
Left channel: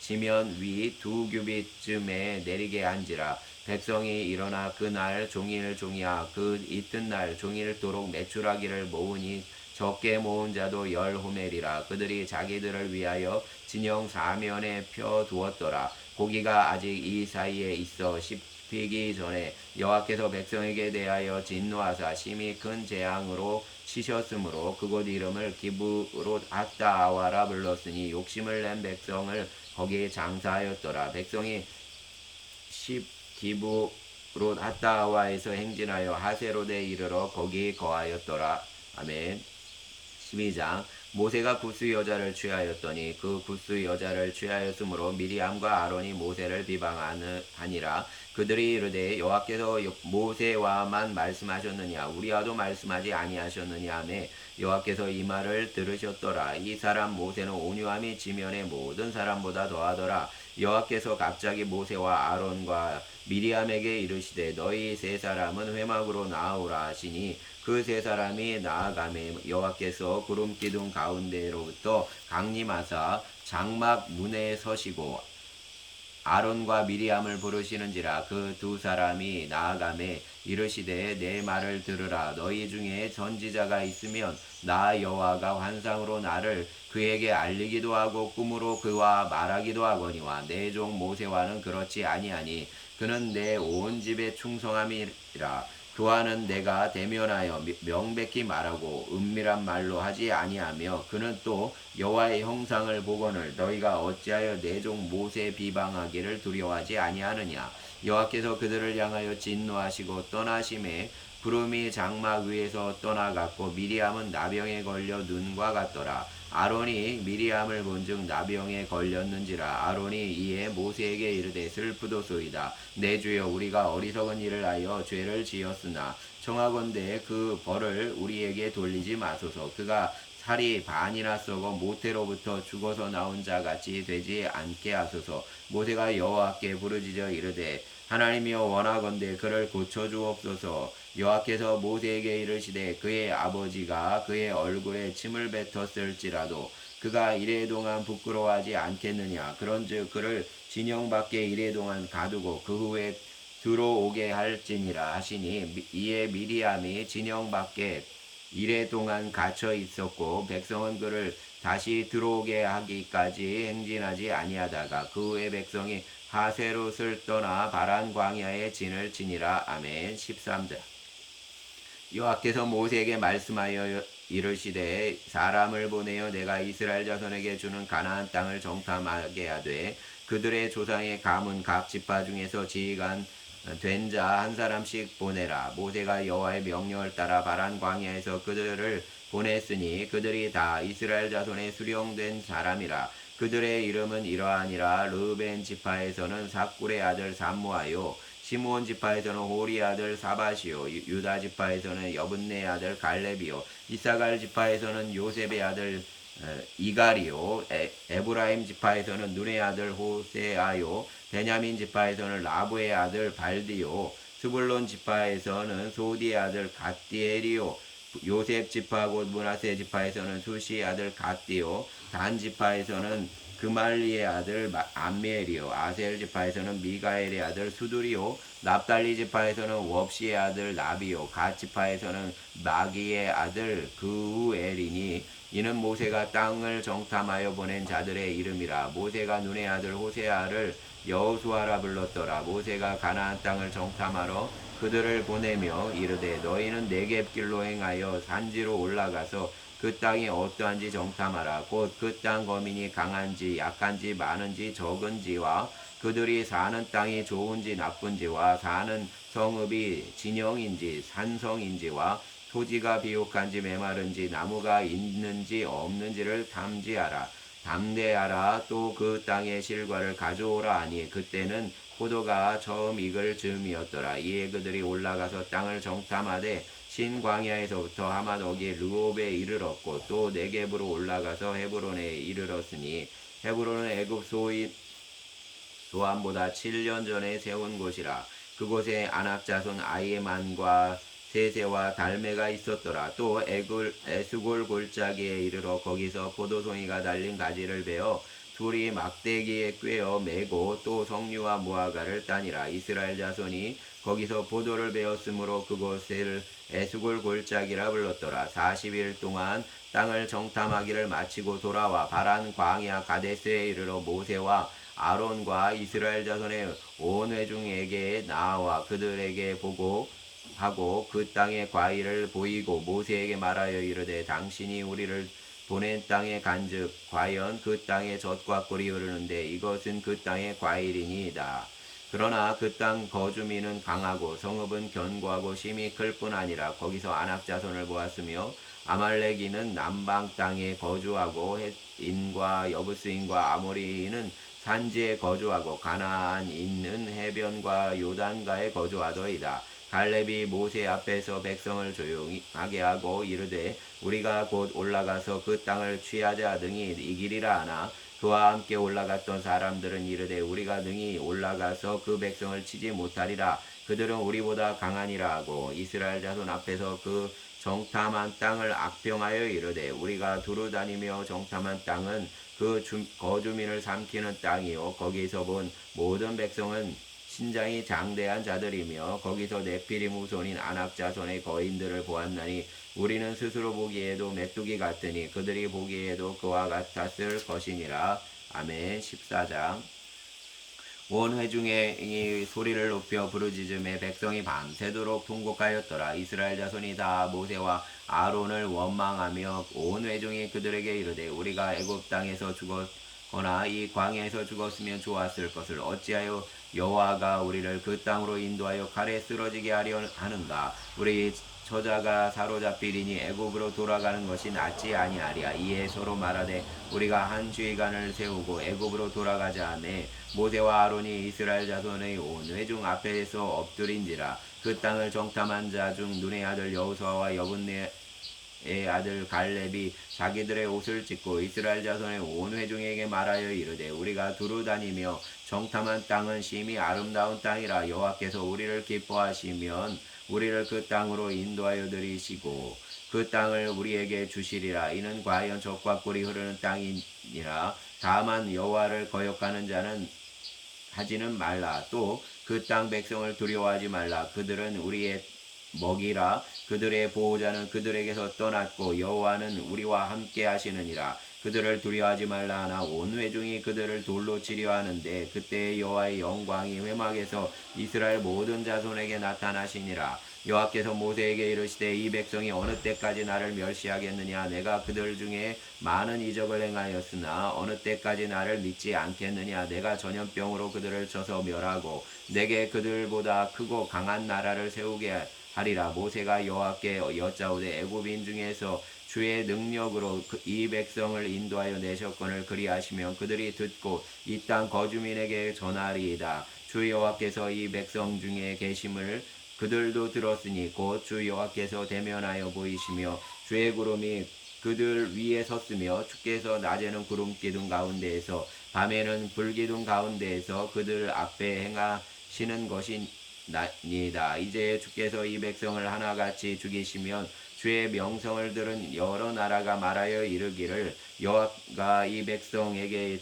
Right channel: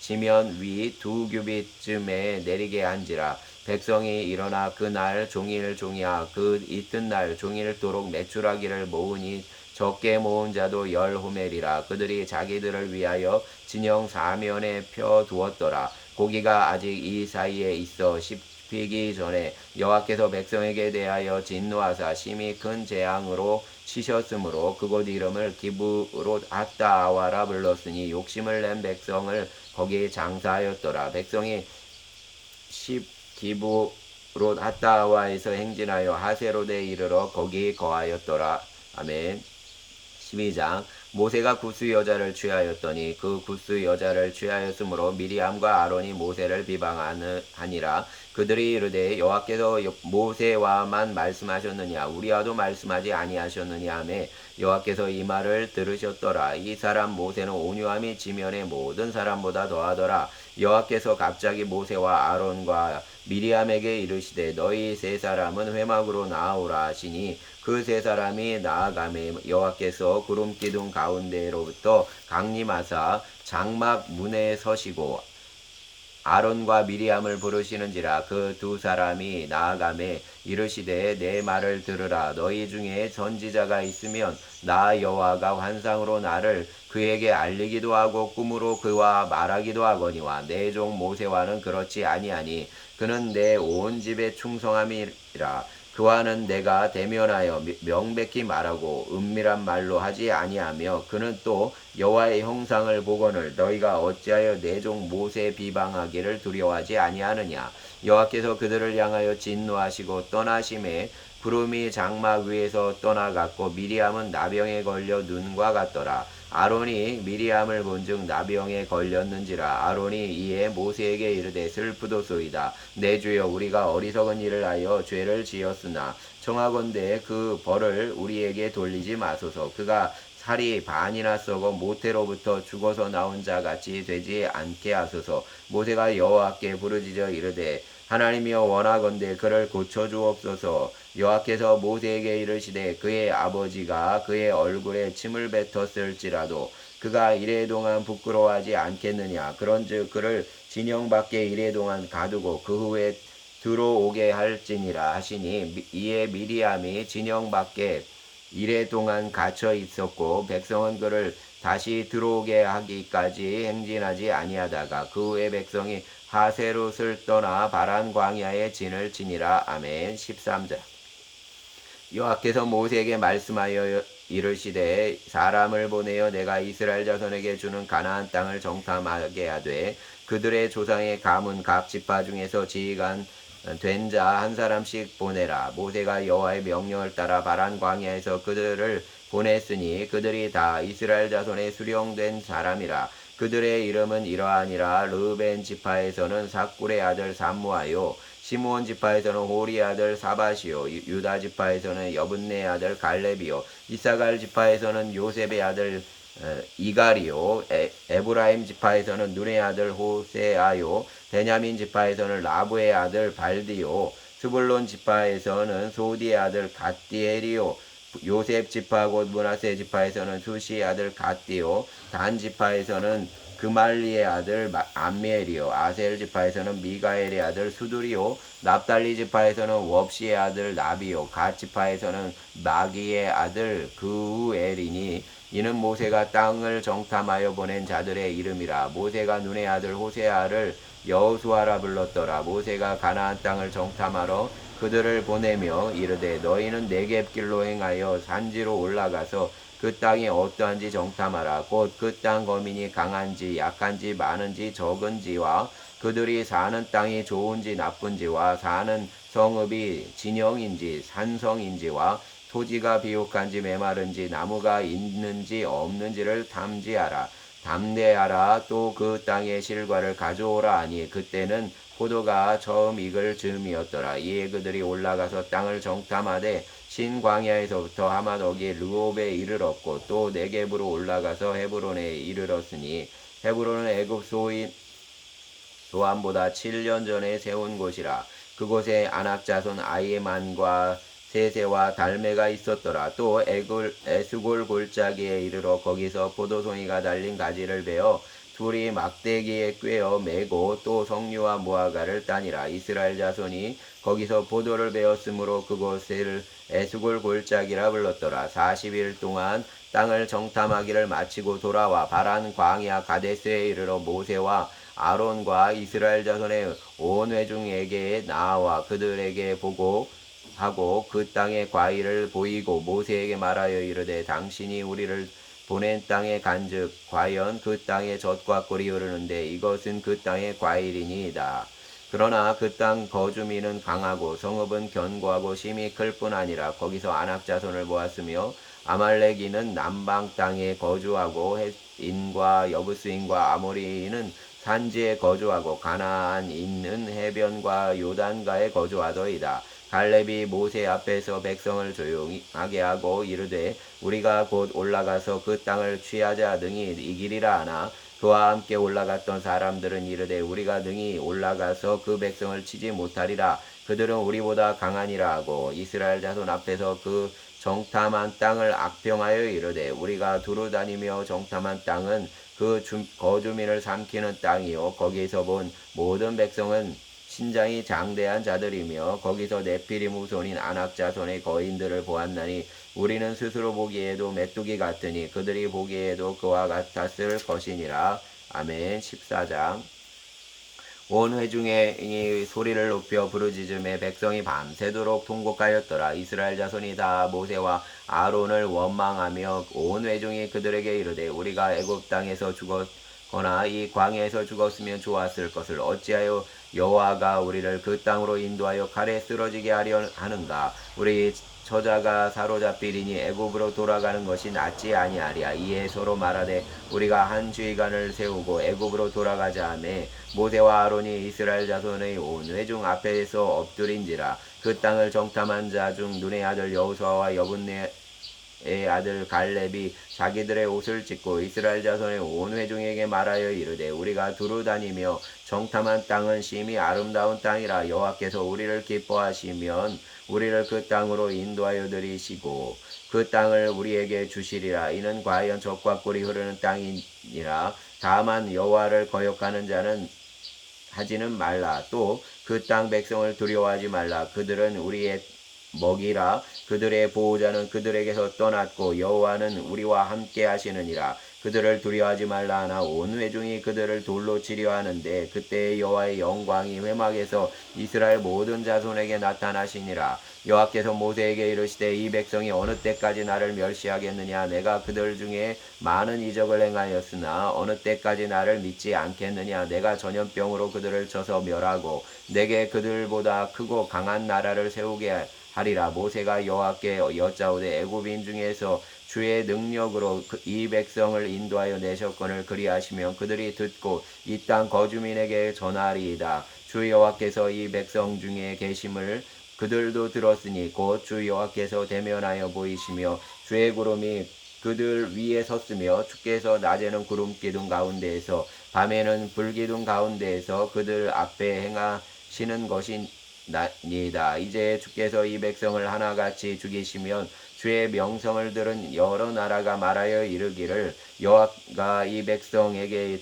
지면 위 2규빗쯤에 내리게 한지라. 백성이 일어나 그날 종일 종이야 그 이튿날 종일토록 메추라기를 모으니 적게 모은 자도 10호멜이라. 그들이 자기들을 위하여 진영 사면에 펴 두었더라. 고기가 아직 이 사이에 있어 씹히기 전에 여호와께서 백성에게 대하여 진노하사 심히 큰 재앙으로 치셨으므로 그곳 이름을 기브롯 핫다아와라 불렀으니 욕심을 낸 백성을 거기 장사하였더라. 백성이 기브롯 핫다아와에서 행진하여 하세롯에 이르러 거기 거하였더라. 아멘. 12장. 모세가 구스 여자를 취하였더니 그 구스 여자를 취하였으므로 미리암과 아론이 모세를 비방하니라. 그들이 이르되 여호와께서 모세와만 말씀하셨느냐 우리와도 말씀하지 아니하셨느냐 하매 여호와께서 이 말을 들으셨더라. 이 사람 모세는 온유함이 지면의 모든 사람보다 더하더라. 여호와께서 갑자기 모세와 아론과 미리암에게 이르시되 너희 세 사람은 회막으로 나아오라 하시니 그 세 사람이 나아가매 여호와께서 구름 기둥 가운데로부터 강림하사 장막 문에 서시고 아론과 미리암을 부르시는지라. 그 두 사람이 나아가매 이르시되 내 말을 들으라. 너희 중에 선지자가 있으면 나 여호와가 환상으로 나를 그에게 알리기도 하고 꿈으로 그와 말하기도 하거니와 내 종 모세와는 그렇지 아니하니 그는 내 온 집에 충성함이라. 그와는 내가 대면하여 명백히 말하고 은밀한 말로 하지 아니하며 그는 또 여호와의 형상을 보거늘 너희가 어찌하여 내 종 모세 비방하기를 두려워하지 아니하느냐. 여호와께서 그들을 향하여 진노하시고 떠나심에 구름이 장막 위에서 떠나갔고 미리암은 나병에 걸려 눈과 같더라. 아론이 미리암을 본즉 나병에 걸렸는지라. 아론이 이에 모세에게 이르되 슬프도소이다. 내 주여 우리가 어리석은 일을 하여 죄를 지었으나 청하건대 그 벌을 우리에게 돌리지 마소서. 그가 살이 반이나 썩어 모태로부터 죽어서 나온 자 같이 되지 않게 하소서. 모세가 여호와께 부르짖어 이르되 하나님이여 원하건대 그를 고쳐 주옵소서. 여호와께서 모세에게 이르시되 그의 아버지가 그의 얼굴에 침을 뱉었을지라도 그가 이레동안 부끄러워하지 않겠느냐. 그런즉 그를 진영 밖에 이레동안 가두고 그 후에 들어오게 할지니라 하시니 이에 미리암이 진영 밖에 이래 동안 갇혀 있었고 백성은 그를 다시 들어오게 하기까지 행진하지 아니하다가 그 후에 백성이 하세롯을 떠나 바란 광야에 진을 치니라. 아멘. 13절. 여호와께서 모세에게 말씀하여 이르시되 사람을 보내어 내가 이스라엘 자손에게 주는 가나안 땅을 정탐하게 하되 그들의 조상의 가문 각 지파 중에서 지휘관 된 자 한 사람씩 보내라. 모세가 여호와의 명령을 따라 바란 광야에서 그들을 보냈으니 그들이 다 이스라엘 자손의 수령된 사람이라. 그들의 이름은 이러하니라. 르벤 지파에서는 삭굴의 아들 삼무하요, 시므온 지파에서는 호리 아들 사밧이요, 유다 지파에서는 여분네 아들 갈렙이요, 이사갈 지파에서는 요셉의 아들 이갈이요, 에브라임 지파에서는 눈의 아들 호세아요, 베냐민 지파에서는 라브의 아들 발디요, 스불론 지파에서는 소디의 아들 갓디엘이요, 요셉 지파 곧 므낫세 지파에서는 수시의 아들 갓디요, 단 지파에서는 그말리의 아들 암멜이요, 아셀 지파에서는 미가엘의 아들 수두리요, 납달리 지파에서는 웁시의 아들 나비요, 갓 지파에서는 마기의 아들 그우엘이니 이는 모세가 땅을 정탐하여 보낸 자들의 이름이라. 모세가 눈의 아들 호세아를 여호수아라 불렀더라. 모세가 가나안 땅을 정탐하러 그들을 보내며 이르되 너희는 네겝길로 행하여 산지로 올라가서 그 땅이 어떠한지 정탐하라. 곧 그 땅 거민이 강한지 약한지 많은지 적은지와 그들이 사는 땅이 좋은지 나쁜지와 사는 성읍이 진영인지 산성인지와 토지가 비옥한지 메마른지 나무가 있는지 없는지를 탐지하라. 담대하라. 또 그 땅의 실과를 가져오라 하니 그때는 포도가 처음 익을 즈음이었더라. 이에 그들이 올라가서 땅을 정탐하되 신광야에서부터 하마노기 르홉에 이르렀고 또 네겝으로 올라가서 헤브론에 이르렀으니 헤브론은 애굽 소안보다 7년 전에 세운 곳이라. 그곳에 아낙 자손 아이만과 세세와 달메가 있었더라. 또 에스골 골짜기에 이르러 거기서 포도송이가 달린 가지를 베어 둘이 막대기에 꿰어 매고 또 석류와 무화과를 따니라. 이스라엘 자손이 거기서 포도를 베었으므로 그곳을 에스골 골짜기라 불렀더라. 40일 동안 땅을 정탐하기를 마치고 돌아와 바란 광야 가데스에 이르러 모세와 아론과 이스라엘 자손의 온 회중에게 나와 그들에게 보고하고 그 땅의 과일을 보이고 모세에게 말하여 이르되 당신이 우리를 보낸 땅에 간즉 과연 그 땅의 젖과 꿀이 흐르는데 이것은 그 땅의 과일이니이다. 그러나 그 땅 거주민은 강하고 성읍은 견고하고 심히 클 뿐 아니라 거기서 아낙 자손을 보았으며 아말렉인은 남방 땅에 거주하고 헷인과 여부스인과 아모리인은 산지에 거주하고 가나안인은 해변과 요단가에 거주하더이다. 갈렙이 모세 앞에서 백성을 조용하게 하고 이르되 우리가 곧 올라가서 그 땅을 취하자 등이 이기리라 하나 그와 함께 올라갔던 사람들은 이르되 우리가 능히 올라가서 그 백성을 치지 못하리라. 그들은 우리보다 강하니라 하고 이스라엘 자손 앞에서 그 정탐한 땅을 악평하여 이르되 우리가 두루 다니며 정탐한 땅은 그 거주민을 삼키는 땅이요 거기서 본 모든 백성은 신장이 장대한 자들이며 거기서 네피림 후손인 아낙 자손의 거인들을 보았나니 우리는 스스로 보기에도 메뚜기 같으니 그들이 보기에도 그와 같았을 것이니라. 아멘. 14장. 온 회중이 소리를 높여 부르짖음에 백성이 밤새도록 통곡하였더라. 이스라엘 자손이 다 모세와 아론을 원망하며 온 회중이 그들에게 이르되 우리가 애굽 땅에서 죽었거나 이 광야에서 죽었으면 좋았을 것을 어찌하여 여호와가 우리를 그 땅으로 인도하여 칼에 쓰러지게 하려 하는가. 우리 저자가 사로잡히리니 애굽으로 돌아가는 것이 낫지 아니하리야. 이에 서로 말하되 우리가 한 주의관을 세우고 애굽으로 돌아가자 하매 모세와 아론이 이스라엘 자손의 온 회중 앞에서 엎드린지라. 그 땅을 정탐한 자 중 눈의 아들 여호수아와 여분네 아들 갈렙이 자기들의 옷을 찢고 이스라엘 자손의 온 회중에게 말하여 이르되 우리가 두루 다니며 정탐한 땅은 심히 아름다운 땅이라 여호와께서 우리를 기뻐하시면 우리를 그 땅으로 인도하여 들이시고 그 땅을 우리에게 주시리라. 이는 과연 젖과 꿀이 흐르는 땅이니라. 다만 여호와를 거역하는 자는 하지는 말라. 또 그 땅 백성을 두려워하지 말라. 그들은 우리의 먹이라. 그들의 보호자는 그들에게서 떠났고 여호와는 우리와 함께 하시느니라. 그들을 두려워하지 말라 하나 온 회중이 그들을 돌로 치려 하는데 그때 여호와의 영광이 회막에서 이스라엘 모든 자손에게 나타나시니라. 여호와께서 모세에게 이르시되 이 백성이 어느 때까지 나를 멸시하겠느냐. 내가 그들 중에 많은 이적을 행하였으나 어느 때까지 나를 믿지 않겠느냐. 내가 전염병으로 그들을 쳐서 멸하고 내게 그들보다 크고 강한 나라를 세우게 하리라. 모세가 여호와께 여짜오되 애굽인 중에서 주의 능력으로 이 백성을 인도하여 내셨거늘 그리하시면 그들이 듣고 이 땅 거주민에게 전하리이다. 주 여호와께서 이 백성 중에 계심을 그들도 들었으니 곧 주 여호와께서 대면하여 보이시며 주의 구름이 그들 위에 섰으며 주께서 낮에는 구름 기둥 가운데에서 밤에는 불기둥 가운데에서 그들 앞에 행하시는 것이니이다. 이제 주께서 이 백성을 하나같이 죽이시면 주의 명성을 들은 여러 나라가 말하여 이르기를 여호와가 이 백성에게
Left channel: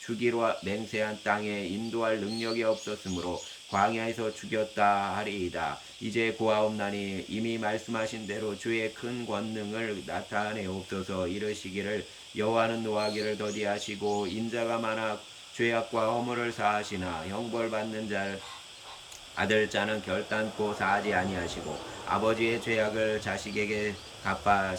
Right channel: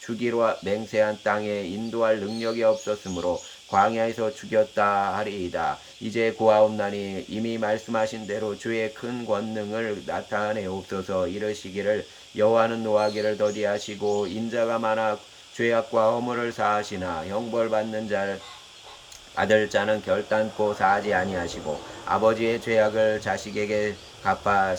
주기로 맹세한 땅에 인도할 능력이 없었으므로 광야에서 죽였다 하리이다. 이제 고하옵나니 이미 말씀하신 대로 주의 큰 권능을 나타내옵소서. 이르시기를 여호와는 노하기를 더디하시고 인자가 많아 죄악과 허물을 사하시나 형벌받는 자 받을 자는 결단코 사하지 아니하시고 아버지의 죄악을 자식에게 갚아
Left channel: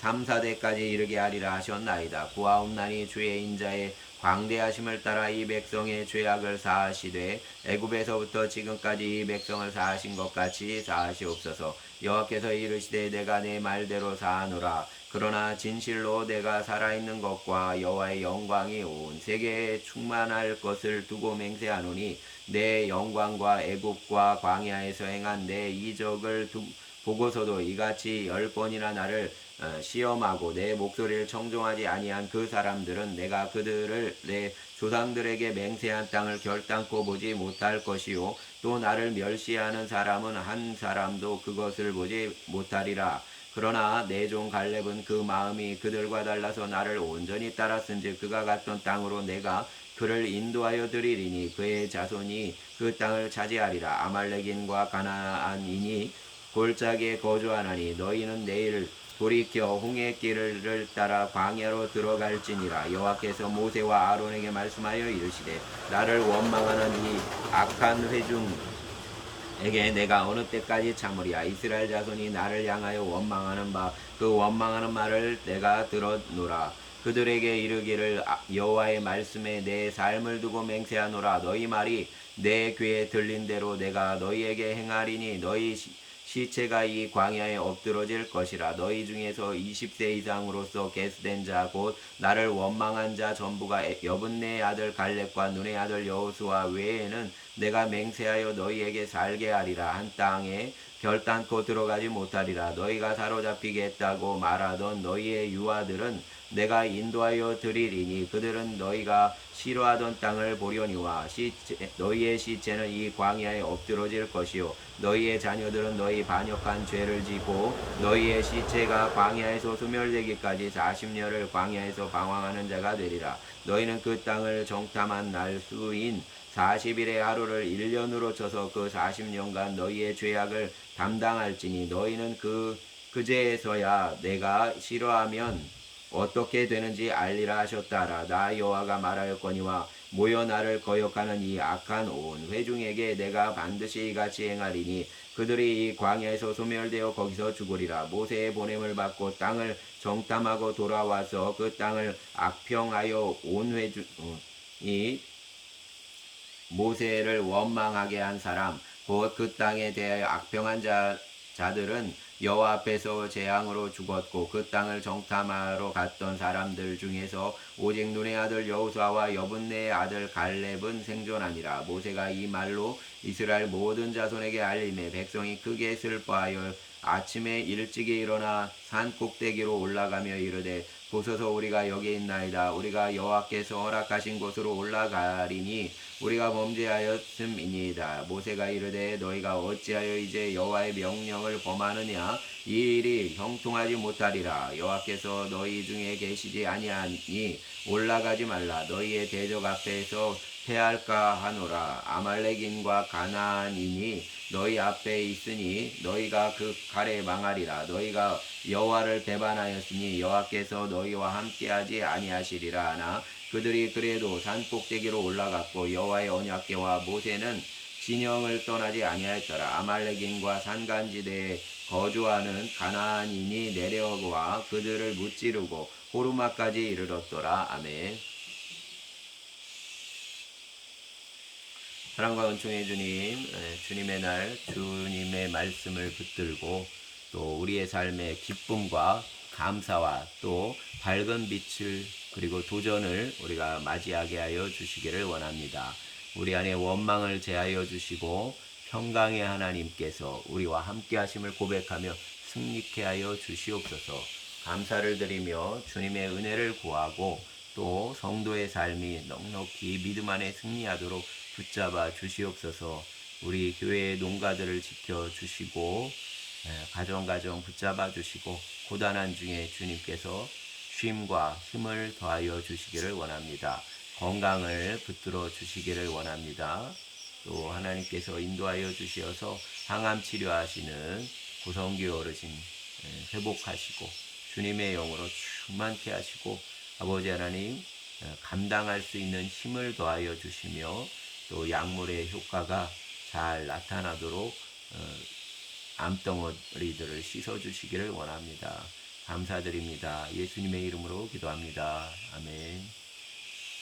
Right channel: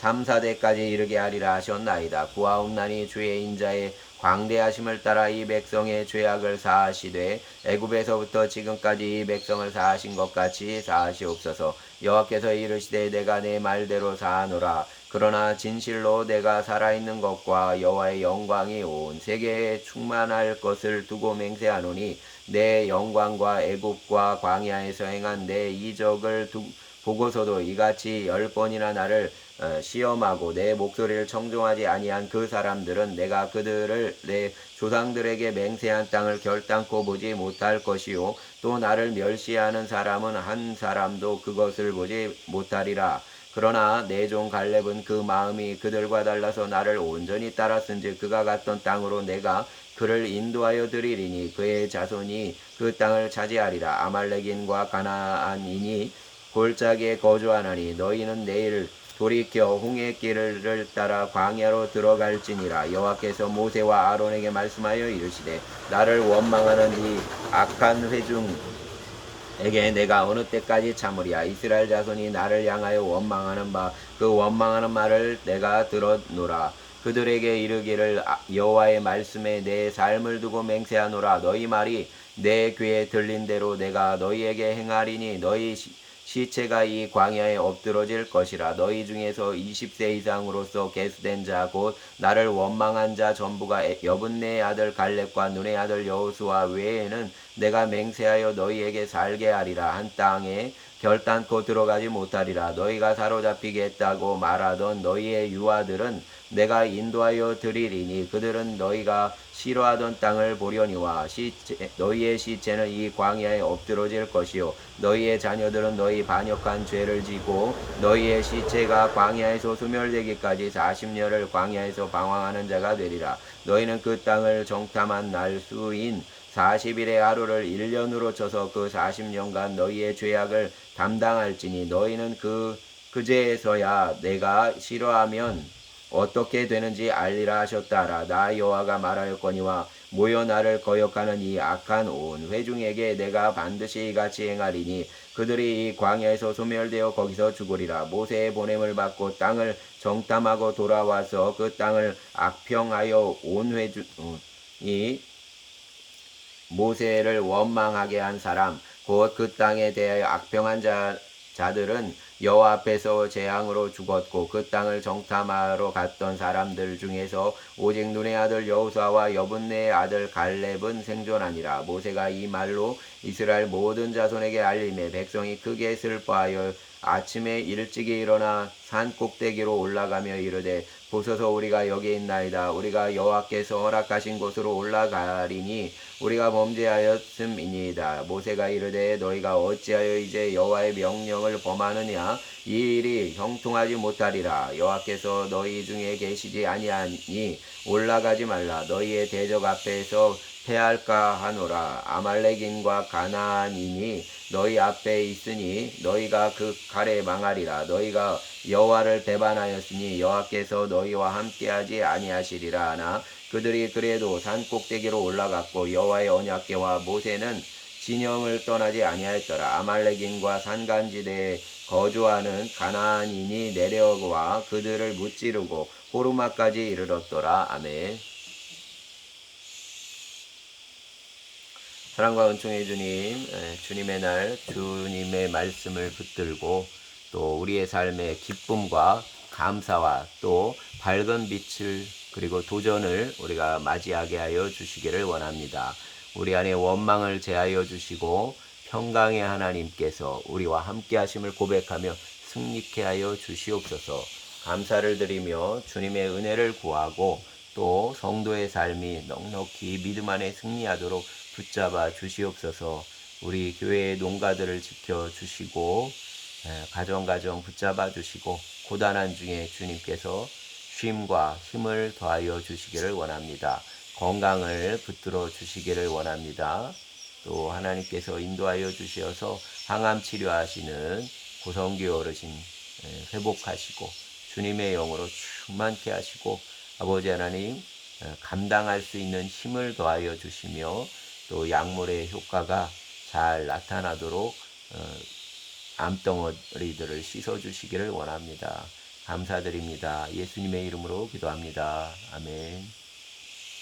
3, 4대까지 이르게 하리라 하셨나이다. 구하옵나니 주의 인자의 광대하심을 따라 이 백성의 죄악을 사하시되 애굽에서부터 지금까지 이 백성을 사하신 것 같이 사하시옵소서. 여호와께서 이르시되 내가 내 말대로 사하노라. 그러나 진실로 내가 살아있는 것과 여호와의 영광이 온 세계에 충만할 것을 두고 맹세하노니 내 영광과 애굽과 광야에서 행한 내 이적을 보고서도 이같이 10번이나 나를 시험하고 내 목소리를 청종하지 아니한 그 사람들은 내가 그들을 내 조상들에게 맹세한 땅을 결단코 보지 못할 것이요 또 나를 멸시하는 사람은 한 사람도 그것을 보지 못하리라. 그러나 내 종 갈렙은 그 마음이 그들과 달라서 나를 온전히 따랐은즉 그가 갔던 땅으로 내가 그를 인도하여 드리리니 그의 자손이 그 땅을 차지하리라. 아말렉인과 가나안인이 골짜기에 거주하나니 너희는 내일 돌이켜 홍해 길을 따라 광야로 들어갈지니라. 여호와께서 모세와 아론에게 말씀하여 이르시되 나를 원망하는 이 악한 회중에게 내가 어느 때까지 참으리야. 이스라엘 자손이 나를 향하여 원망하는 바 그 원망하는 말을 내가 들었노라. 그들에게 이르기를 여호와의 말씀에 내 삶을 두고 맹세하노라. 너희 말이 내 귀에 들린 대로 내가 너희에게 행하리니 너희 시체가 이 광야에 엎드러질 것이라. 너희 중에서 20세 이상으로서 계수된 자 곧 나를 원망한 자 전부가 여분네의 아들 갈렙과 눈의 아들 여호수아 외에는 내가 맹세하여 너희에게 살게 하리라. 한 땅에 결단코 들어가지 못하리라. 너희가 사로잡히겠다고 말하던 너희의 유아들은 내가 인도하여 드리리니 그들은 너희가 싫어하던 땅을 보려니와 너희의 시체는 이 광야에 엎드러질 것이요 너희의 자녀들은 너희 반역한 죄를 지고 너희의 시체가 광야에서 소멸되기까지 40년을 광야에서 방황하는 자가 되리라. 너희는 그 땅을 정탐한 날 수인 40일의 하루를 1년으로 쳐서 그 40년간 너희의 죄악을 담당할지니 너희는 그제서야 내가 싫어하면 어떻게 되는지 알리라 하셨다라. 나 여호와가 말하였거니와 모여 나를 거역하는 이 악한 온 회중에게 내가 반드시 이같이 행하리니 그들이 이 광야에서 소멸되어 거기서 죽으리라. 모세의 보냄을 받고 땅을 정탐하고 돌아와서 그 땅을 악평하여 온 회중이 모세를 원망하게 한 사람 곧 그 땅에 대하여 악평한 자들은 여호와 앞에서 재앙으로 죽었고 그 땅을 정탐하러 갔던 사람들 중에서 오직 눈의 아들 여호수아와 여분네의 아들 갈렙은 생존하니라. 모세가 이 말로 이스라엘 모든 자손에게 알림해 백성이 크게 슬퍼하여 아침에 일찍이 일어나 산 꼭대기로 올라가며 이르되 보소서 우리가 여기 있나이다. 우리가 여호와께서 허락하신 곳으로 올라가리니 우리가 범죄하였음이니이다. 모세가 이르되 너희가 어찌하여 이제 여호와의 명령을 범하느냐. 이 일이 형통하지 못하리라. 여호와께서 너희 중에 계시지 아니하니 올라가지 말라. 너희의 대적 앞에서 패할까 하노라. 아말렉인과 가나안인이 너희 앞에 있으니 너희가 그 칼에 망하리라. 너희가 여호와를 배반하였으니 여호와께서 너희와 함께하지 아니하시리라 하나 그들이 그래도 산 꼭대기로 올라갔고 여호와의 언약궤와 모세는 진영을 떠나지 아니하였더라. 아말렉인과 산간지대에 거주하는 가나안인이 내려와 그들을 무찌르고 호르마까지 이르렀더라. 아멘. 사랑과 은총의 주님, 주님의 날 주님의 말씀을 붙들고 또 우리의 삶의 기쁨과 감사와 또 밝은 빛을 그리고 도전을 우리가 맞이하게 하여 주시기를 원합니다. 우리 안에 원망을 제하여 주시고 평강의 하나님께서 우리와 함께 하심을 고백하며 승리케 하여 주시옵소서. 감사를 드리며 주님의 은혜를 구하고 또 성도의 삶이 넉넉히 믿음 안에 승리하도록 붙잡아 주시옵소서. 우리 교회의 농가들을 지켜 주시고 가정 붙잡아 주시고 고단한 중에 주님께서 쉼과 힘을 더하여 주시기를 원합니다. 건강을 붙들어 주시기를 원합니다. 또 하나님께서 인도하여 주시어서 항암 치료하시는 고성규 어르신 회복하시고 주님의 영으로 충만케 하시고 아버지 하나님 감당할 수 있는 힘을 더하여 주시며 또 약물의 효과가 잘 나타나도록 암덩어리들을 씻어주시기를 원합니다. 감사드립니다. 예수님의 이름으로 기도합니다. 아멘.